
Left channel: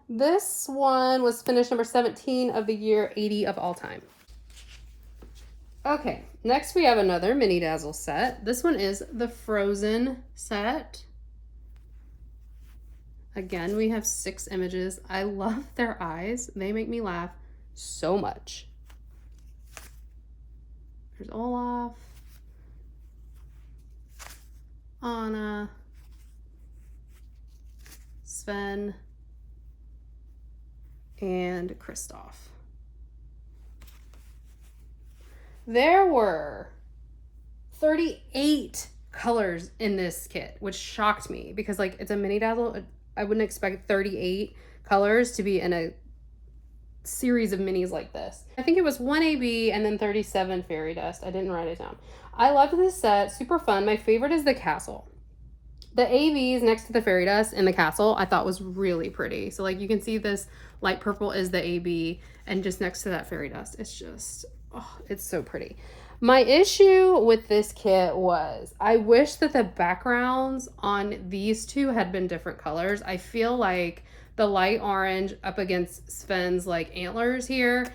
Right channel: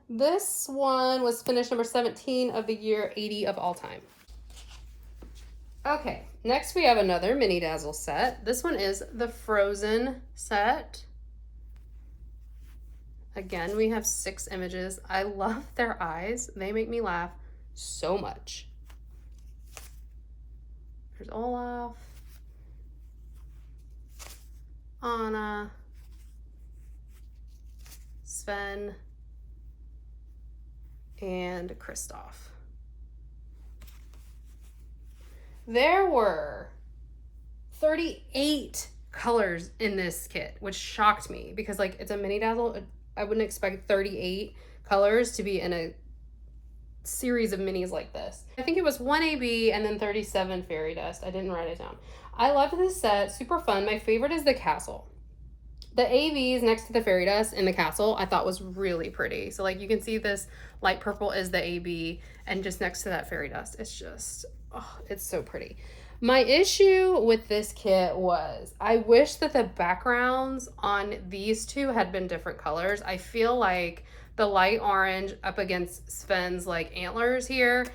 This one was finished number 17 of the year, 80 of all time. Okay, next we have another Mini Dazzle set. This one is the Frozen set. Again, we have 6 images. I love their eyes. They make me laugh so much. There's Olaf. Sven, and Kristoff. There were 38 colors in this kit, which shocked me because like it's a mini dazzle. I wouldn't expect 38 colors to be in a series of minis like this. I think it was 1 AB and then 37 fairy dust. I didn't write it down. I loved this set, super fun. My favorite is the castle. The ABs next to the fairy dust in the castle I thought was really pretty. So like you can see this light purple is the AB, and just next to that fairy dust, it's just, oh, it's so pretty. My issue with this kit was I wish that the backgrounds on these two had been different colors. I feel like the light orange up against Sven's like antlers here,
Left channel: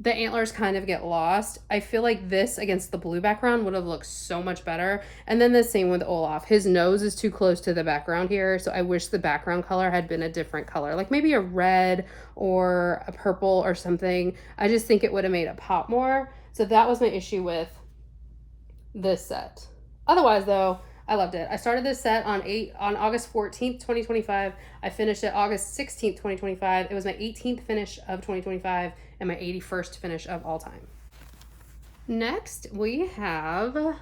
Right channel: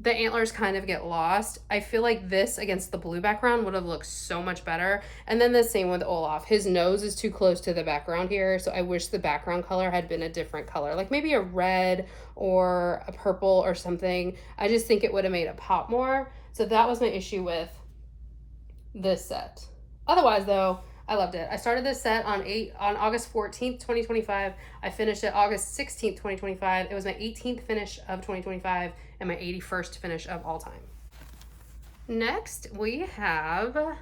the antlers kind of get lost. I feel like this against the blue background would have looked so much better. And then the same with Olaf. His nose is too close to the background here, so I wish the background color had been a different color, like maybe a red or a purple or something. I just think it would have made it pop more. So that was my issue with this set. Otherwise though, I loved it. I started this set on August 14th, 2025. I finished it August 16th, 2025. It was my 18th finish of 2025 and my 81st finish of all time. Next, we have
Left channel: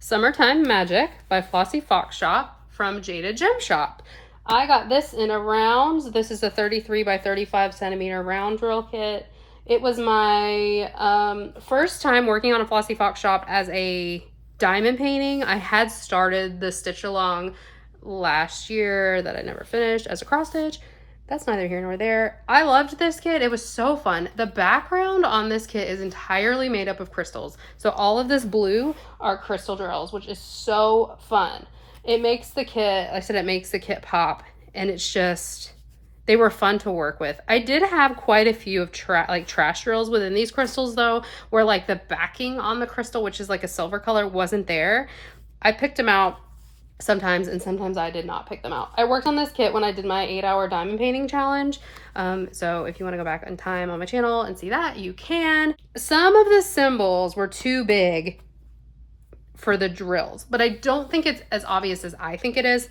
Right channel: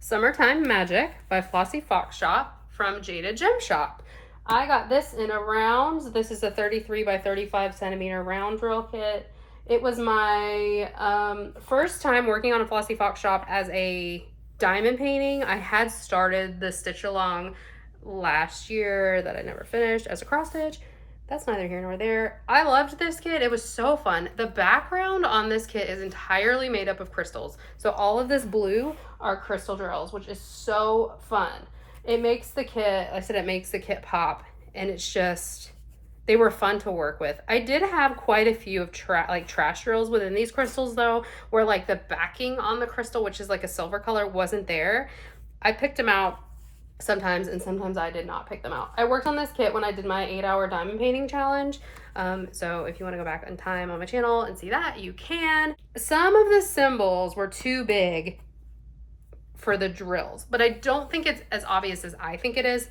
Summertime Magic by Flossy Fox Shop from Jada Gem Shop. I got this in a round. This is a 33 by 35 centimeter round drill kit. It was my first time working on a Flossy Fox Shop as a diamond painting. I had started the stitch along last year that I never finished as a cross stitch. That's neither here nor there. I loved this kit. It was so fun. The background on this kit is entirely made up of crystals. So all of this blue are crystal drills, which is so fun. It makes the kit, like I said, it makes the kit pop, and it's just, they were fun to work with. I did have quite a few of trash drills within these crystals though, where like the backing on the crystal, which is like a silver color, wasn't there. I picked them out sometimes, and sometimes I did not pick them out. I worked on this kit when I did my 8-hour diamond painting challenge. So if you want to go back in time on my channel and see that, you can. Some of the symbols were too big for the drills, but I don't think it's as obvious as I think it is.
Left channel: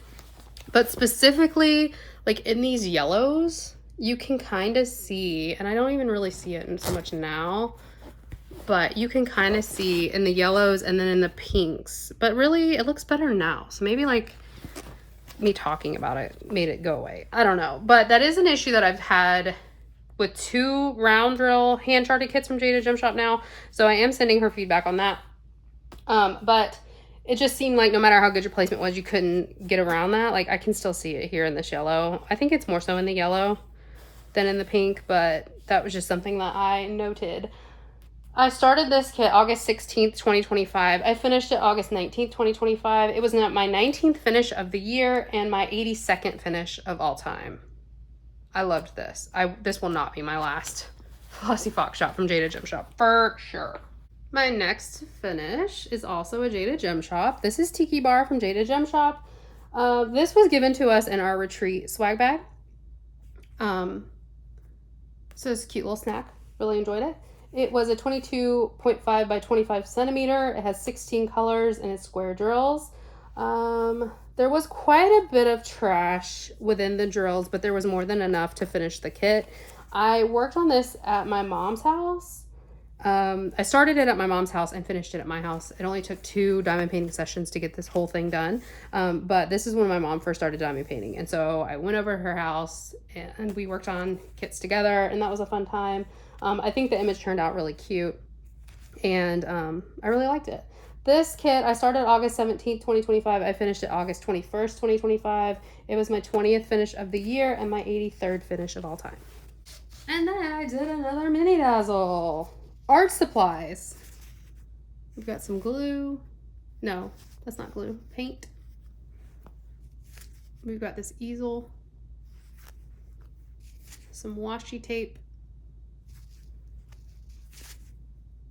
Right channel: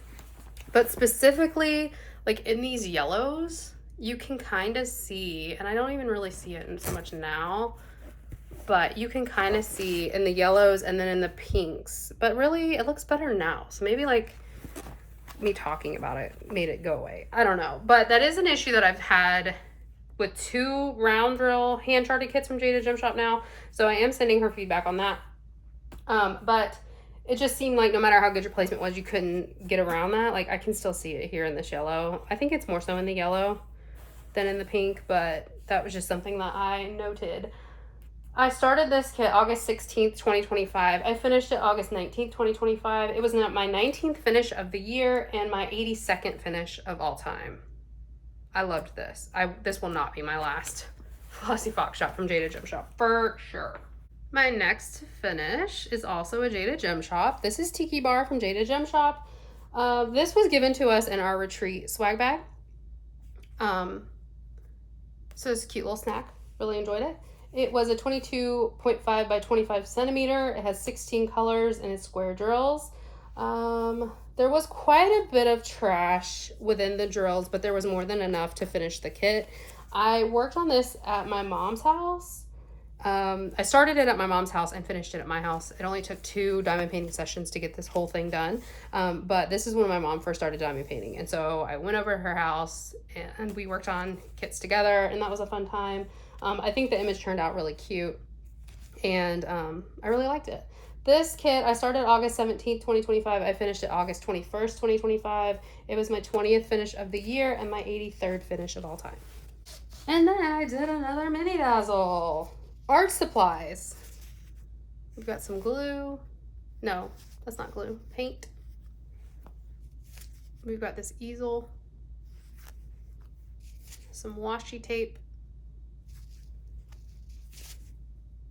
But specifically, like in these yellows, you can kind of see, and I don't even really see it in so much now, but you can kind of see in the yellows and then in the pinks, but really it looks better now. So maybe like me talking about it made it go away. I don't know, but that is an issue that I've had with 2 round drill hand charted kits from Jada Gem Shop now. So I am sending her feedback on that. But it just seemed like no matter how good your placement was, you couldn't get around that. Like I can still see it here in this yellow. I think it's more so in the yellow than in the pink, but that was just something that I noted. I started this kit August 16th, 2025. I finished it August 19th, 2025. It was my 19th finish of the year and my 82nd finish of all time. I loved this. This will not be my last Flossy Fox Shop from Jada Gem Shop for sure. My next finish is also a Jada Gem Shop. This is Tiki Bar from Jada Gem Shop. This was given to us in our retreat swag bag. So it's a cute little snack. Really enjoyed it. It was a 22.5 by 25 centimeter. It has 16 colors and it's square drills. There was quite a bit of trash within the drills, but there was more than enough to finish the kit. I worked on this at my mom's house. I started it at my mom's house and finished it at my house. It only took 2 diamond painting sessions to get this whole thing done. But this is when my mom first started diamond painting. And so I went over to her house and we worked on kits together, and that was a fun time. I think the image turned out really cute, and I really liked it. This kit, I started August 17th, 2025. I finished it August 21st, 2025. It was my 20th finish of the year and my 83rd finish of all time. And then I did another mini dazzle. Art supplies. We've got some glue. No, that's not glue. Paint. We've got this easel. Some washi tape.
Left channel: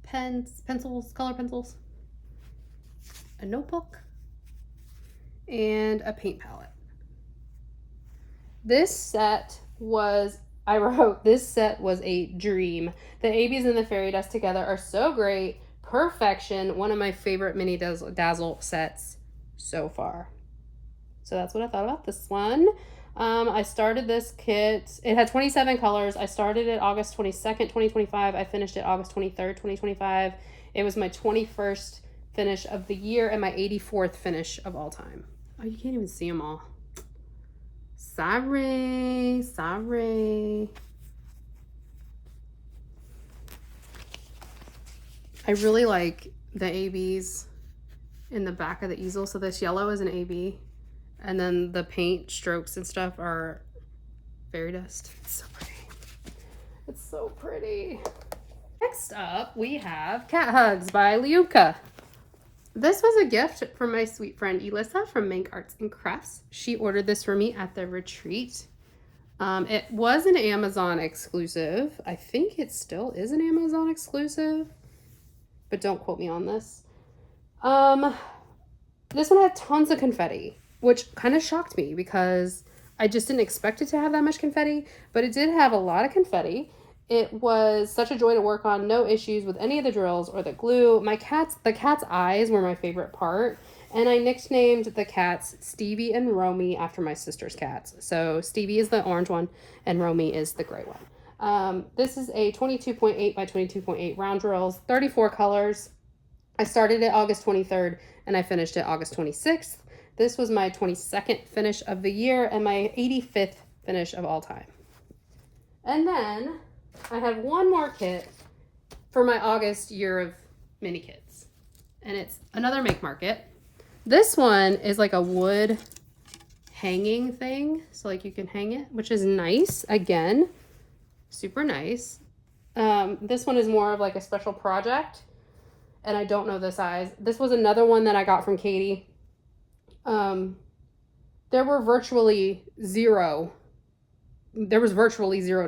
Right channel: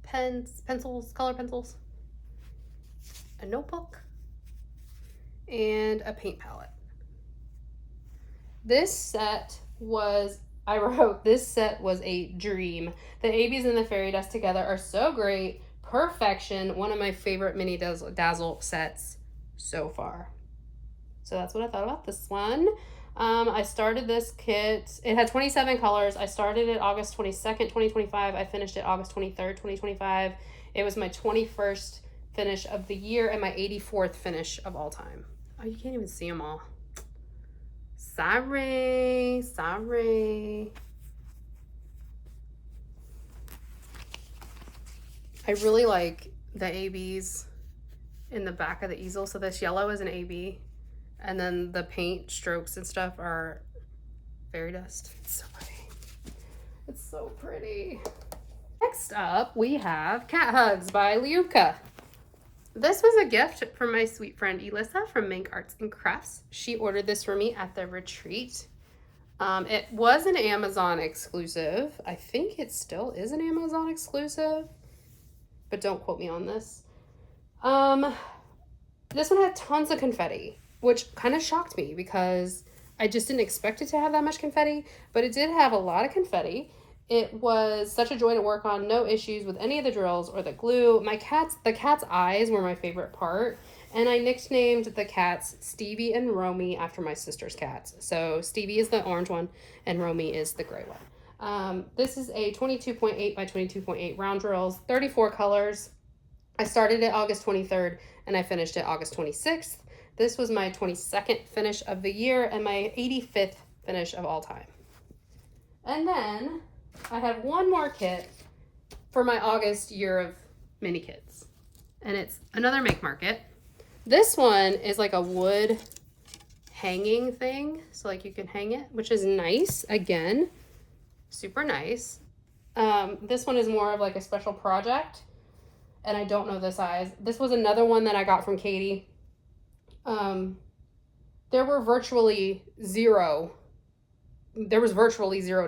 Pens, pencils, color pencils. A notebook. And a paint palette. This set was, I wrote, this set was a dream. The ABs and the fairy dust together are so great. Perfection. One of my favorite mini dazzle sets so far. So that's what I thought about this one. I started this kit. It had 27 colors. I started it August 22nd, 2025. I finished it August 23rd, 2025. It was my 21st finish of the year and my 84th finish of all time. Oh, you can't even see them all. Sorry. I really like the ABs in the back of the easel. So this yellow is an AB. And then the paint strokes and stuff are fairy dust. It's so pretty. It's so pretty. Next up, we have Cat Hugs by Liuka. This was a gift from my sweet friend Elissa from Mank Arts and Crafts. She ordered this for me at the retreat. It was an Amazon exclusive. I think it still is an Amazon exclusive, but don't quote me on this. This one had tons of confetti, which kind of shocked me because I just didn't expect it to have that much confetti, but it did have a lot of confetti. It was such a joy to work on, no issues with any of the drills or the glue. The cat's eyes were my favorite part, and I nicknamed the cats Stevie and Romy after my sister's cats. So Stevie is the orange one, and Romy is the gray one. This is a 22.8 by 22.8 round drills, 34 colors. I started it August 23rd, and I finished it August 26th. This was my 22nd finish of the year and my 85th finish of all time. And then I had one more kit for my August year of mini kits. And it's another Make Market. This one is like a wood hanging thing. So like you can hang it, which is nice. Again, super nice. This one is more of like a special project. And I don't know the size. This was another one that I got from Katie. There was virtually zero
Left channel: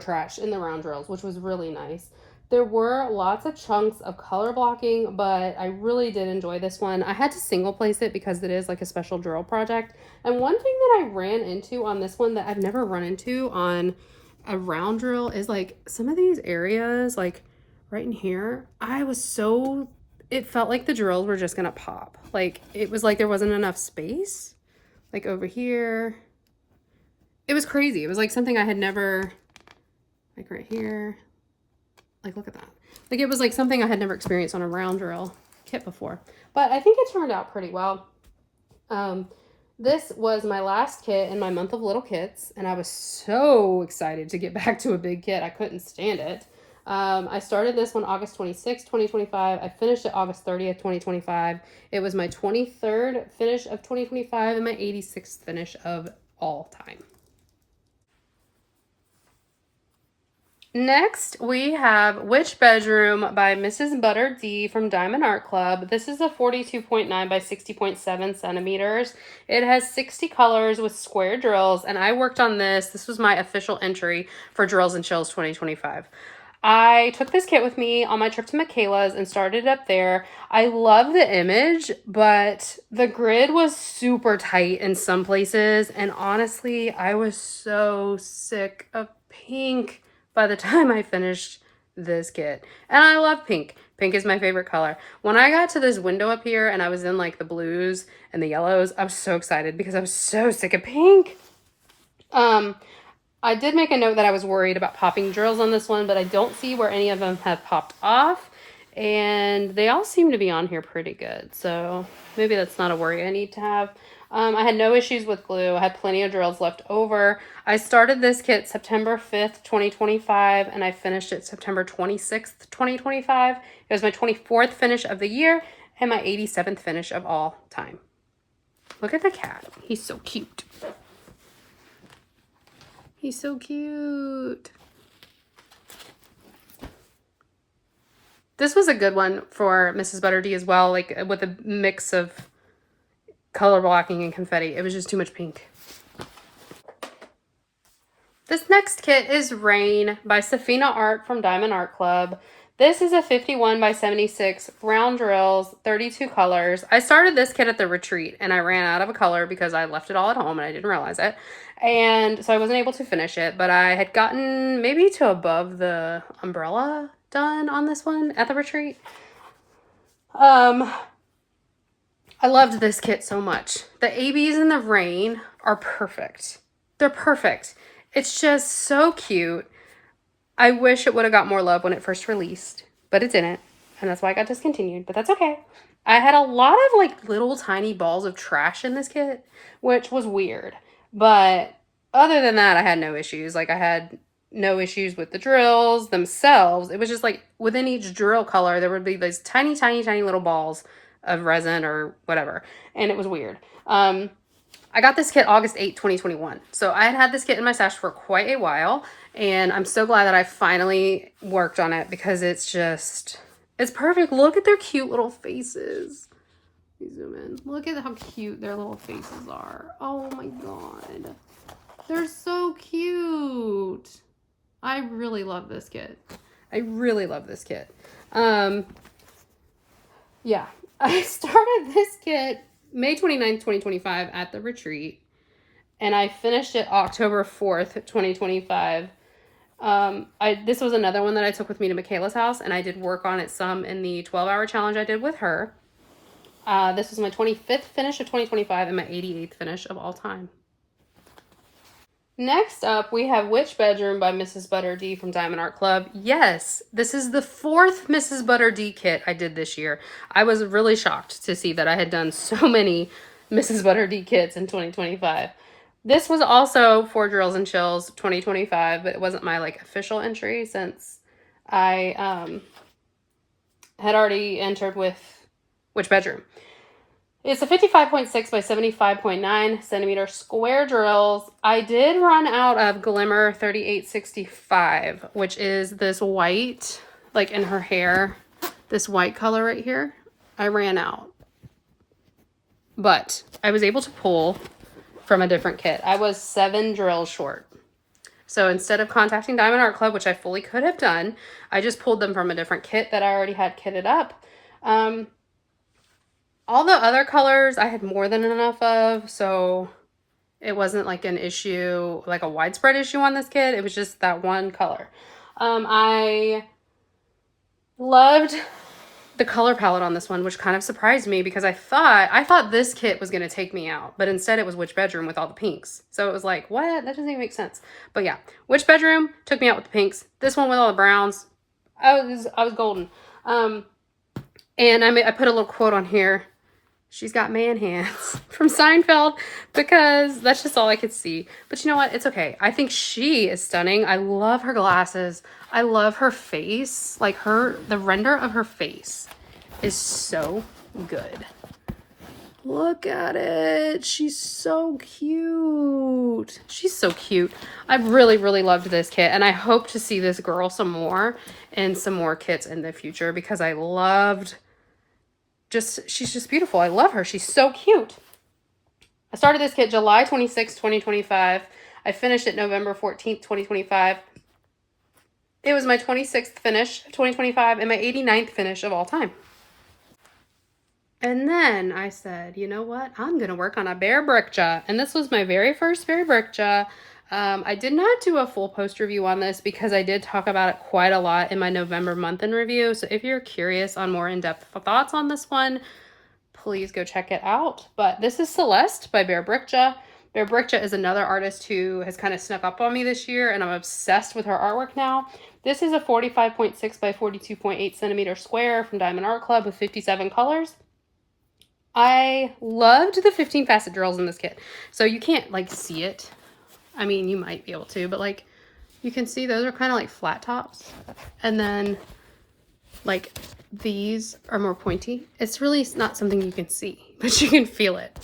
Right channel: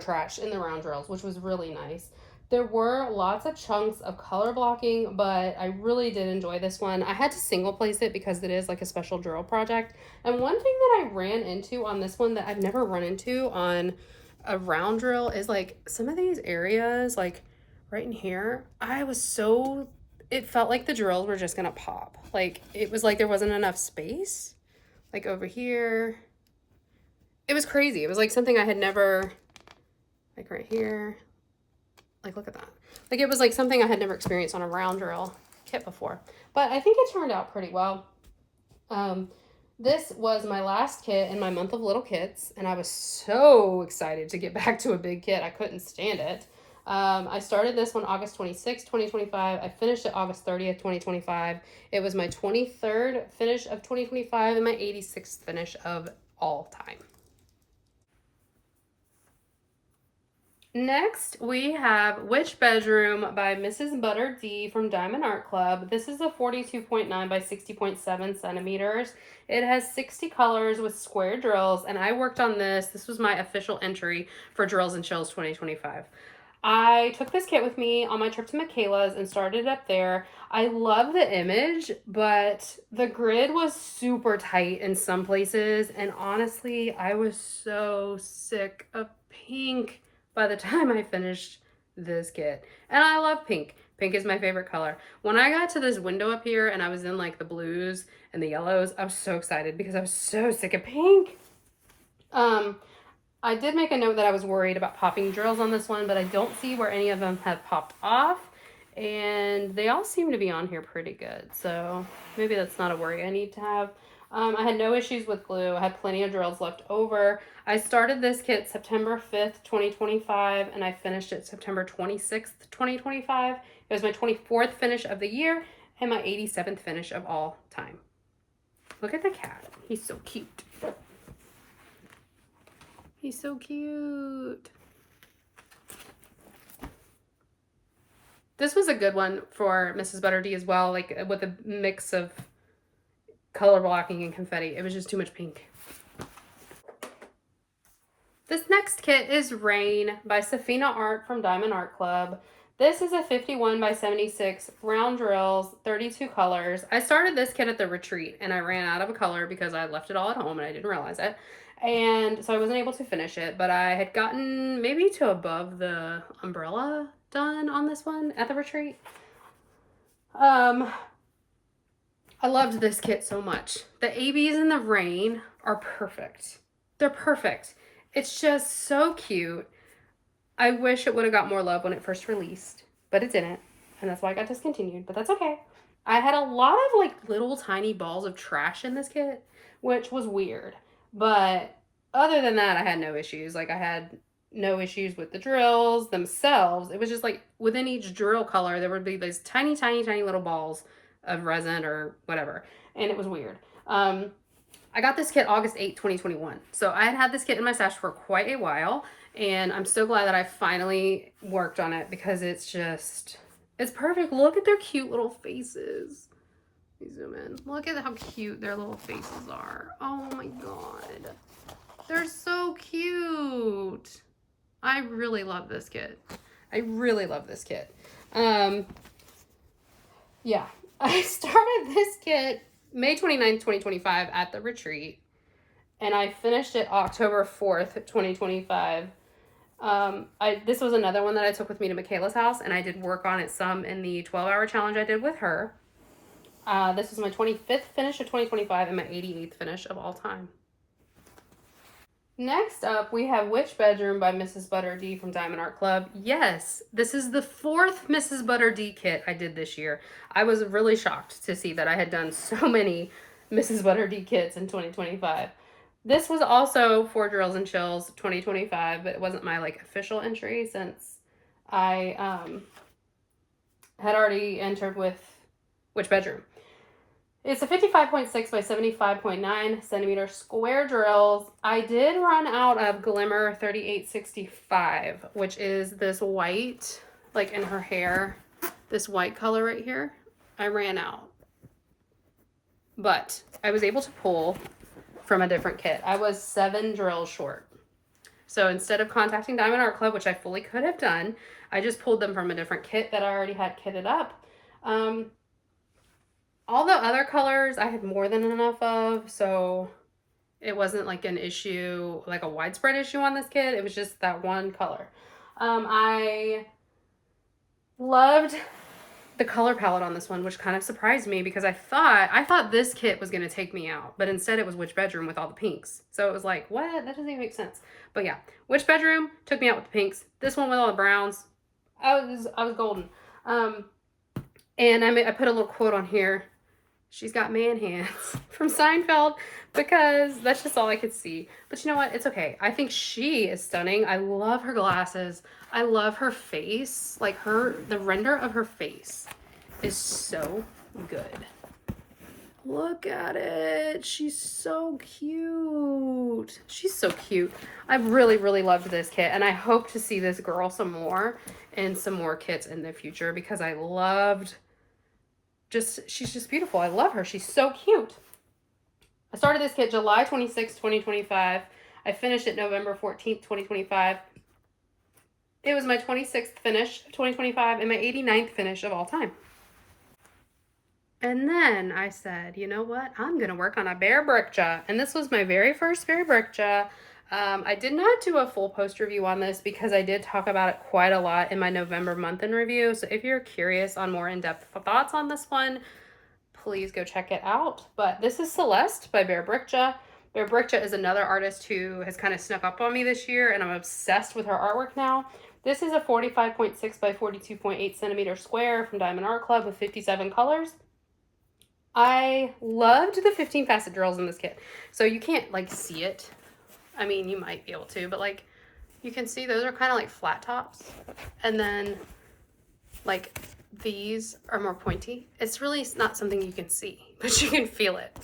trash in the round drills, which was really nice. There were lots of chunks of color blocking, but I really did enjoy this one. I had to single place it because it is like a special drill project. And one thing that I ran into on this one that I've never run into on a round drill is like some of these areas, like right in here, it felt like the drills were just gonna pop. Like it was like there wasn't enough space. Like over here. It was crazy. It was like something I had never, like right here. Like look at that. Like it was like something I had never experienced on a round drill kit before. But I think it turned out pretty well. This was my last kit in my month of little kits, and I was so excited to get back to a big kit. I couldn't stand it. I started this one August 26th, 2025. I finished it August 30th, 2025. It was my 23rd finish of 2025 and my 86th finish of all time. Next, we have Witch Bedroom by Mrs. Butter D from Diamond Art Club. This is a 42.9 by 60.7 centimeters. It has 60 colors with square drills, and I worked on this. This was my official entry for Drills and Chills 2025. I took this kit with me on my trip to Michaela's and started up there. I love the image, but the grid was super tight in some places. And honestly, I was so sick of pink by the time I finished this kit. And I love pink. Pink is my favorite color. When I got to this window up here and I was in like the blues and the yellows, I was so excited because I was so sick of pink. I did make a note that I was worried about popping drills on this one, but I don't see where any of them have popped off. And they all seem to be on here pretty good. So maybe that's not a worry I need to have. I had no issues with glue. I had plenty of drills left over. I started this kit September 5th, 2025, and I finished it September 26th, 2025. It was my 24th finish of the year and my 87th finish of all time. Look at the cat. He's so cute. He's so cute. This was a good one for Mrs. Butter D as well, like with a mix of color blocking and confetti. It was just too much pink. This next kit is Rain by Safina Art from Diamond Art Club. This is a 51 by 76 round drills, 32 colors. I started this kit at the retreat and I ran out of a color because I left it all at home and I didn't realize it. And so I wasn't able to finish it, but I had gotten maybe to above the umbrella done on this one at the retreat. I loved this kit so much. The ABs in the Rain are perfect. they're perfect. It's just so cute. I wish it would have got more love when it first released, but it didn't. And that's why I got discontinued, but that's okay. I had a lot of like little tiny balls of trash in this kit, which was weird. But other than that, I had no issues. Like I had no issues with the drills themselves. It was just like within each drill color, there would be these tiny, tiny, tiny little balls of resin or whatever. And it was weird. I got this kit August 8, 2021. So I had this kit in my stash for quite a while. And I'm so glad that I finally worked on it because it's just, it's perfect. Look at their cute little faces. Let me zoom in. Look at how cute their little faces are. Oh my God. They're so cute. I really love this kit. I really love this kit. Yeah, I started this kit May 29th, 2025 at the retreat, and I finished it October 4th, 2025. This was another one that I took with me to Michaela's house, and I did work on it some in the 12-hour challenge I did with her. This was my 25th finish of 2025 and my 88th finish of all time. Next up, we have Witch Bedroom by Mrs. Butter D from Diamond Art Club. Yes, this is the 4th Mrs. Butter D kit I did this year. I was really shocked to see that I had done so many Mrs. Butter D kits in 2025. This was also for Drills and Chills 2025, but it wasn't my like official entry since I had already entered with Witch Bedroom. It's a 55.6 by 75.9 centimeter square drills. I did run out of Glimmer 3865, which is this white, like in her hair, this white color right here. I ran out. But I was able to pull from a different kit. I was 7 drills short. So instead of contacting Diamond Art Club, which I fully could have done, I just pulled them from a different kit that I already had kitted up. All the other colors I had more than enough of, so it wasn't like an issue, like a widespread issue on this kit. It was just that one color. I loved the color palette on this one, which kind of surprised me because I thought this kit was going to take me out, but instead it was Witch Bedroom with all the pinks. So it was like, what? That doesn't even make sense. But yeah, Witch Bedroom took me out with the pinks. This one with all the browns, I was golden. And I put a little quote on here. She's got man hands from Seinfeld because that's just all I could see. But you know what? It's okay. I think she is stunning. I love her glasses. I love her face. Like the render of her face is so good. Look at it. She's so cute. She's so cute. I've really, really loved this kit. And I hope to see this girl some more in some more kits in the future because I loved she's just beautiful. I love her. She's so cute. I started this kit July 26, 2025. I finished it November 14th, 2025. It was my 26th finish of 2025 and my 89th finish of all time. And then I said, you know what? I'm going to work on a Bear Bricha. And this was my very first Bear Bricha. I did not do a full post review on this because I did talk about it quite a lot in my November month in review. So if you're curious on more in-depth thoughts on this one, please go check it out. But this is Celeste by Bear Bricha. Bear Bricha is another artist who has kind of snuck up on me this year, and I'm obsessed with her artwork now. This is a 45.6 by 42.8 centimeter square from Diamond Art Club with 57 colors. I loved the 15 facet drills in this kit. So you can't like see it. I mean, you might be able to, but like you can see those are kind of like flat tops. And then like these are more pointy. It's really not something you can see, but you can feel it.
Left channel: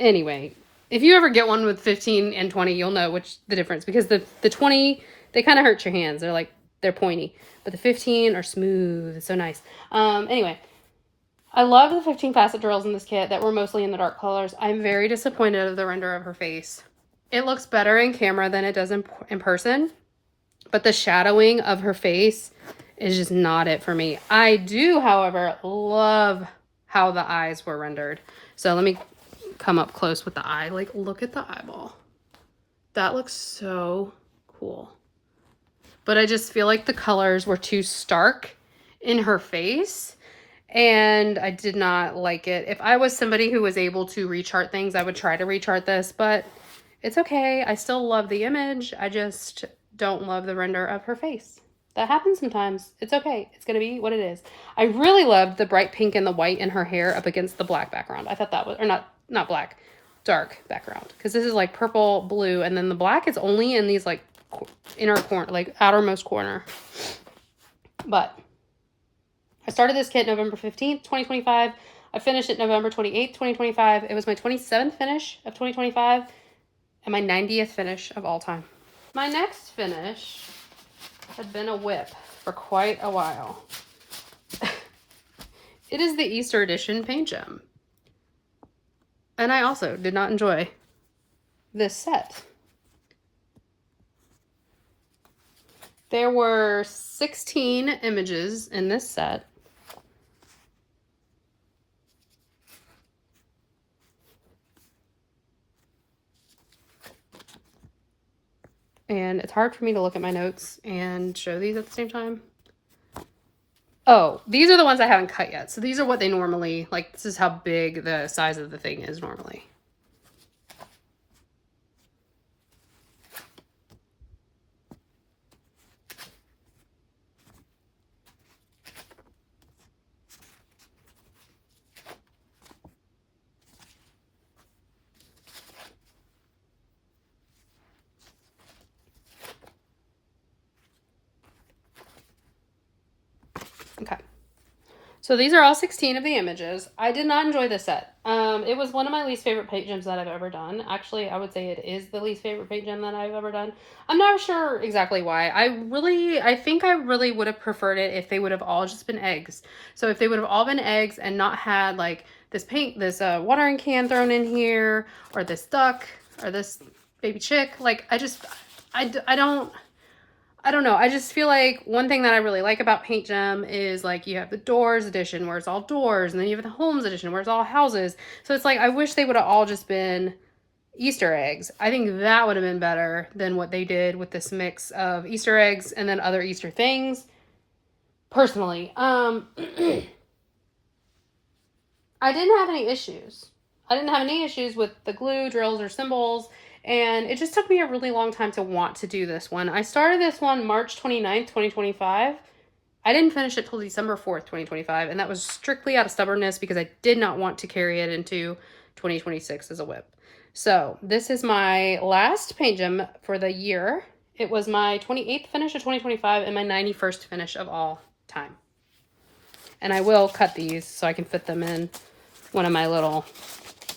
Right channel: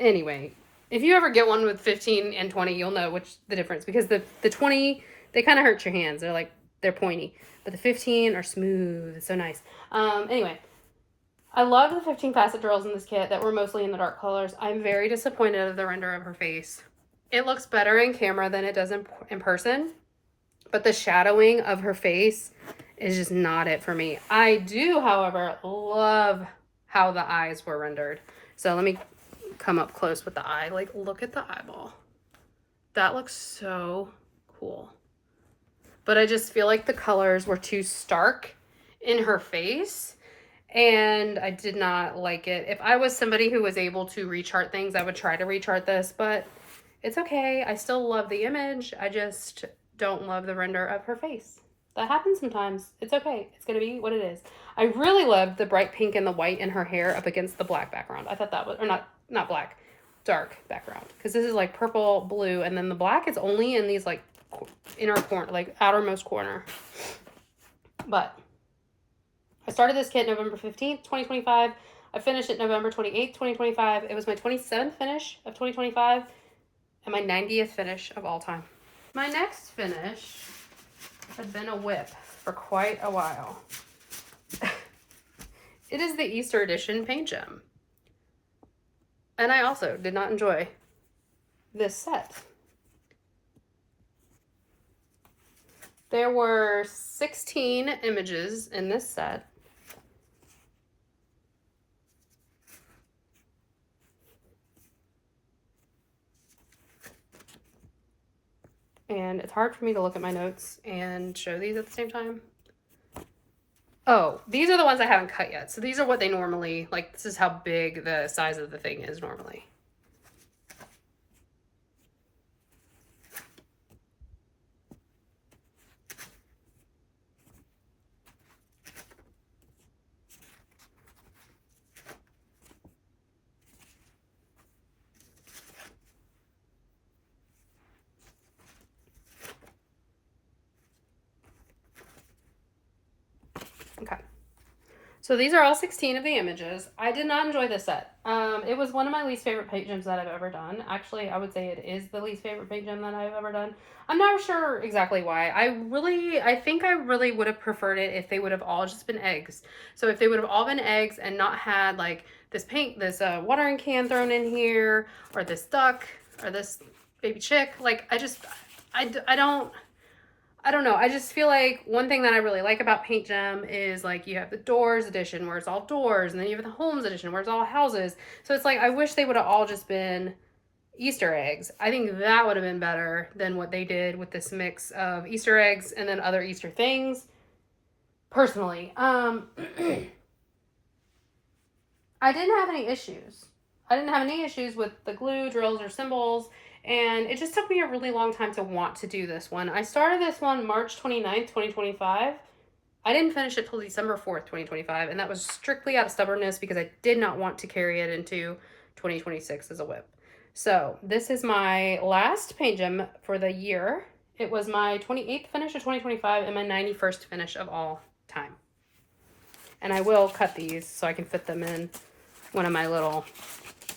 Anyway, if you ever get one with 15 and 20, you'll know the difference because the 20, they kind of hurt your hands. They're pointy, but the 15 are smooth. It's so nice. Anyway, I love the 15 facet drills in this kit that were mostly in the dark colors. I'm very disappointed of the render of her face. It looks better in camera than it does in person, but the shadowing of her face is just not it for me. I do, however, love how the eyes were rendered. So let me come up close with the eye. Like, look at the eyeball. That looks so cool. But I just feel like the colors were too stark in her face, and I did not like it. If I was somebody who was able to rechart things, I would try to rechart this, but It's okay. I still love the image. I just don't love the render of her face. That happens sometimes. It's okay. It's going to be what it is. I really loved the bright pink and the white in her hair up against the black background. I thought that was, or not black, dark background. Because this is like purple, blue, and then the black is only in these like inner corner, like outermost corner. But I started this kit November 15th, 2025. I finished it November 28th, 2025. It was my 27th finish of 2025 and my 90th finish of all time. My next finish had been a whip for quite a while. It is the Easter edition paint gem. And I also did not enjoy this set. There were 16 images in this set. And it's hard for me to look at my notes and show these at the same time. Oh, these are the ones I haven't cut yet. So these are what they normally, like, this is how big the size of the thing is normally. Okay. So these are all 16 of the images. I did not enjoy this set. It was one of my least favorite paint gems that I've ever done. Actually, I would say it is the least favorite paint gem that I've ever done. I'm not sure exactly why. I think I really would have preferred it if they would have all just been eggs. So if they would have all been eggs and not had like this watering can thrown in here, or this duck, or this baby chick. Like, I don't know. I just feel like one thing that I really like about Paint Gem is like you have the Doors edition where it's all doors, and then you have the Homes edition where it's all houses. So it's like I wish they would have all just been Easter eggs. I think that would have been better than what they did with this mix of Easter eggs and then other Easter things. Personally, I didn't have any issues. I didn't have any issues with the glue, drills, or symbols. And it just took me a really long time to want to do this one. I started this one March 29th, 2025. I didn't finish it till December 4th, 2025. And that was strictly out of stubbornness because I did not want to carry it into 2026 as a whip. So this is my last paint gem for the year. It was my 28th finish of 2025 and my 91st finish of all time. And I will cut these so I can fit them in one of my little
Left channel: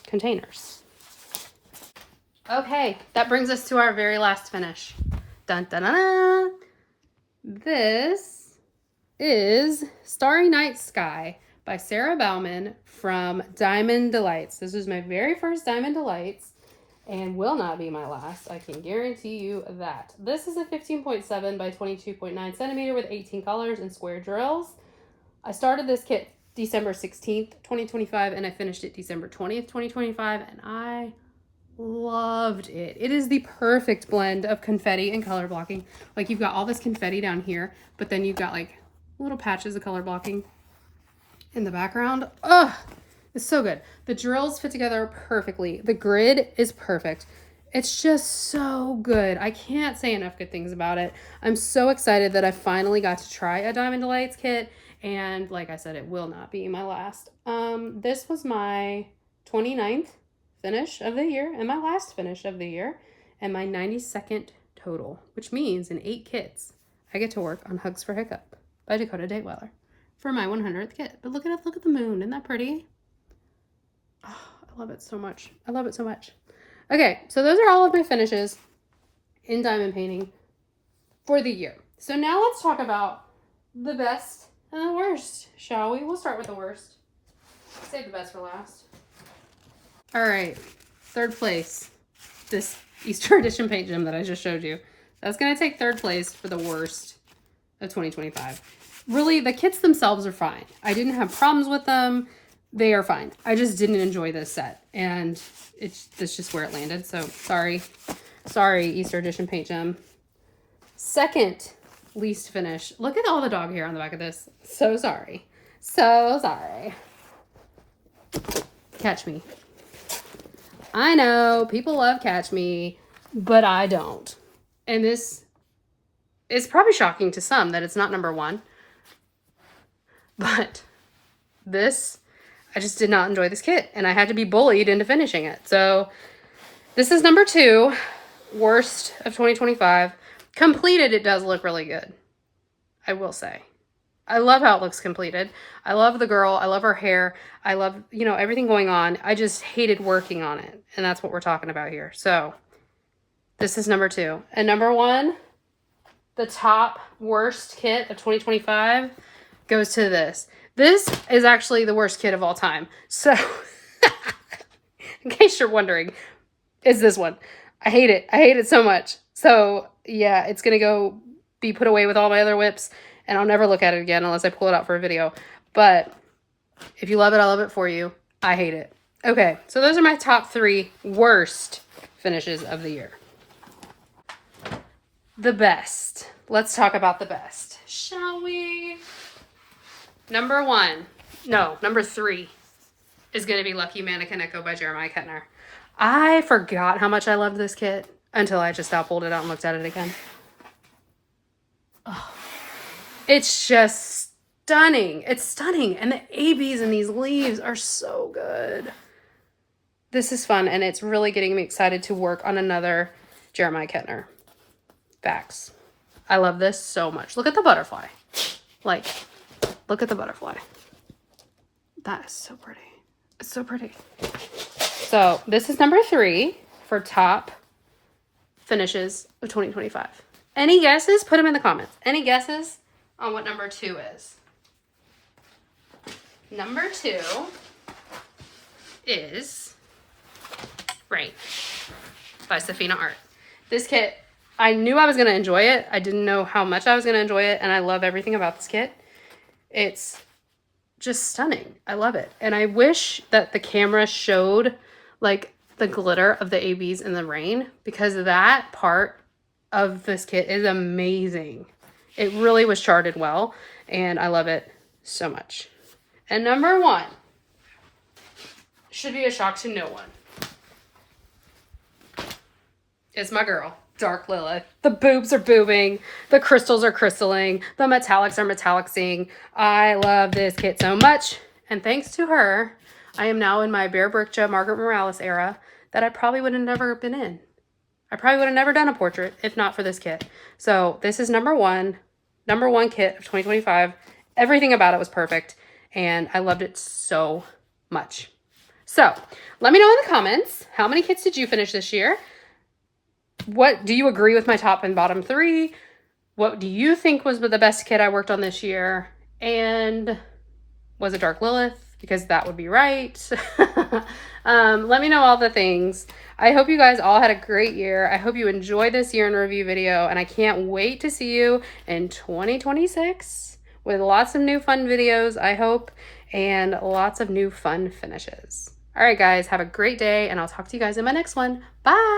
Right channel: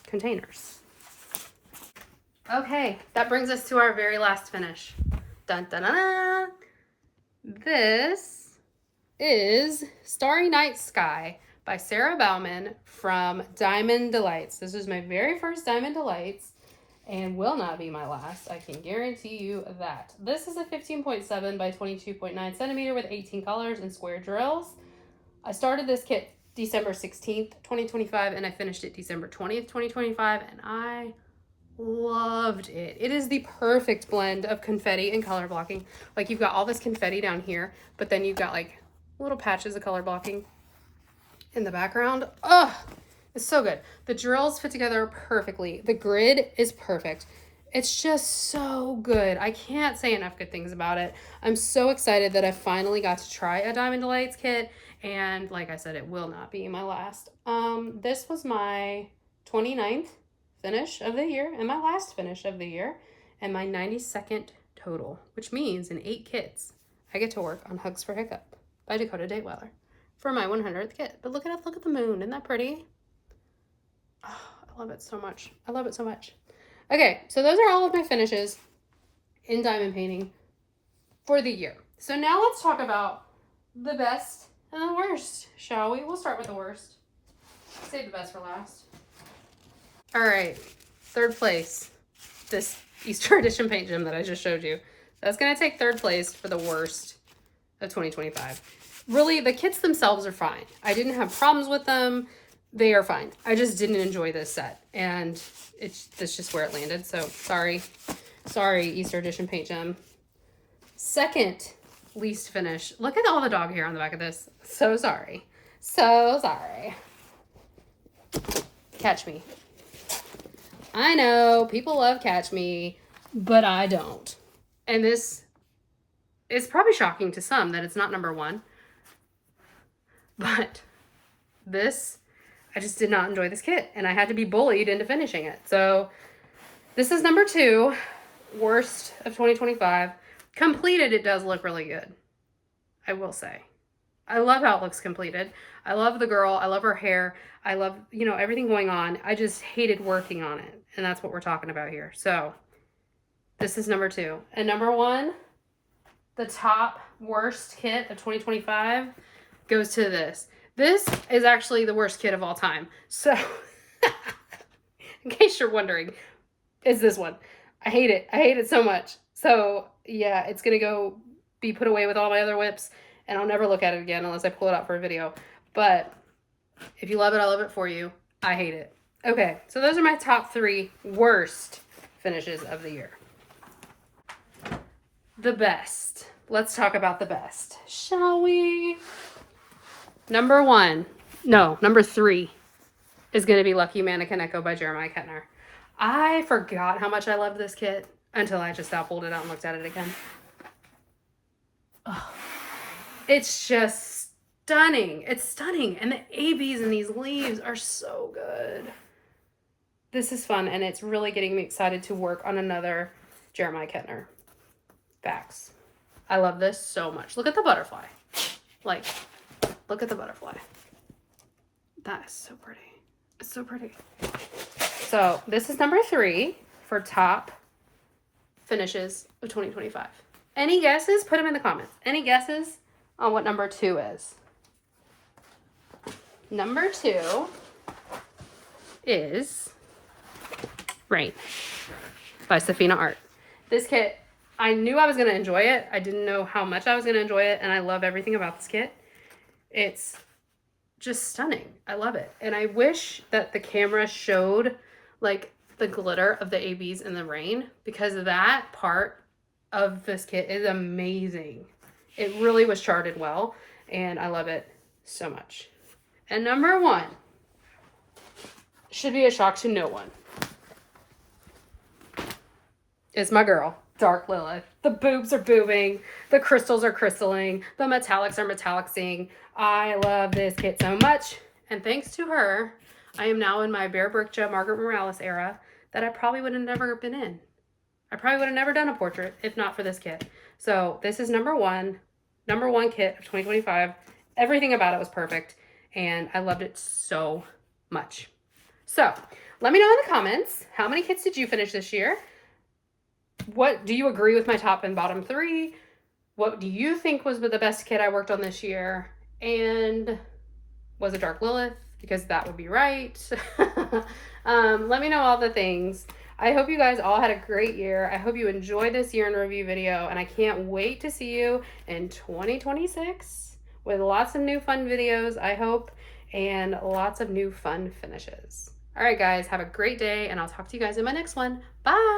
containers. Okay, that brings us to our very last finish. Dun, dun, dun, dun. This is Starry Night Sky by Sarah Bauman from Diamond Delights. This is my very first Diamond Delights and will not be my last. I can guarantee you that. This is a 15.7 by 22.9 centimeter with 18 colors and square drills. I started this kit December 16th, 2025, and I finished it December 20th, 2025, and I loved it. It is the perfect blend of confetti and color blocking. Like, you've got all this confetti down here, but then you've got like little patches of color blocking in the background. Ugh, it's so good. The drills fit together perfectly. The grid is perfect. It's just so good. I can't say enough good things about it. I'm so excited that I finally got to try a Diamond Delights kit, and like I said, it will not be my last. This was my 29th finish of the year and my last finish of the year and my 92nd total, which means in 8 kits I get to work on Hugs for Hiccup by Dakota Dateweller for my 100th kit. But look at the moon. Isn't that pretty? Oh, I love it so much. I love it so much. Okay, so those are all of my finishes in diamond painting for the year. So now let's talk about the best and the worst, shall we? We'll start with the worst. Save the best for last. All right, third place, this Easter edition paint gem that I just showed you. That's going to take third place for the worst of 2025. Really, the kits themselves are fine. I didn't have problems with them. They are fine. I just didn't enjoy this set, and that's just where it landed. So sorry, Easter edition paint gem. Second least finish. Look at all the dog hair on the back of this. So sorry. So sorry. Catch me. I know people love Catch Me, but I don't. And this is probably shocking to some that it's not number one. But this, I just did not enjoy this kit, and I had to be bullied into finishing it. So this is number 2, worst of 2025. Completed, it does look really good, I will say. I love how it looks completed. I love the girl. I love her hair. I love, you know, everything going on. I just hated working on it. And that's what we're talking about here. So this is number 2. And number 1, the top worst kit of 2025 goes to this. This is actually the worst kit of all time. So in case you're wondering, is this one. I hate it. I hate it so much. So yeah, it's going to go be put away with all my other whips. And I'll never look at it again unless I pull it out for a video. But if you love it, I love it for you. I hate it. Okay, so those are my top 3 worst finishes of the year. The best. Let's talk about the best, shall we? Number 3 is going to be Lucky Mannequin Echo by Jeremia Kentner. I forgot how much I loved this kit until I just now pulled it out and looked at it again. Oh. It's just stunning. It's stunning. And the ABs in these leaves are so good. This is fun, and it's really getting me excited to work on another Jeremia Kentner. Facts. I love this so much. Look at the butterfly. Like, look at the butterfly. That is so pretty. It's so pretty. So this is number 3 for top finishes of 2025. Any guesses? Put them in the comments. Any guesses on what number 2 is? Number 2 is Rain by Safina Art. This kit, I knew I was going to enjoy it. I didn't know how much I was going to enjoy it, and I love everything about this kit. It's just stunning. I love it. And I wish that the camera showed like the glitter of the ABs in the rain, because that part of this kit is amazing. It really was charted well, and I love it so much. And number 1 should be a shock to no one. Is my girl, Dark Lilith. The boobs are boobing, the crystals are crystalling, the metallics are metallicsing. I love this kit so much, and thanks to her, I am now in my Bear Bricha Margaret Morales era that I probably would have never been in. I probably would have never done a portrait if not for this kit. So this is number 1 kit of 2025. Everything about it was perfect, and I loved it so much. So let me know in the comments, how many kits did you finish this year? What do you agree with my top and bottom 3? What do you think was the best kit I worked on this year? And was it Dark Lilith? Because that would be right. Let me know all the things. I hope you guys all had a great year. I hope you enjoyed this year in review video, and I can't wait to see you in 2026 with lots of new fun videos, I hope, and lots of new fun finishes. All right, guys, have a great day, and I'll talk to you guys in my next one. Bye.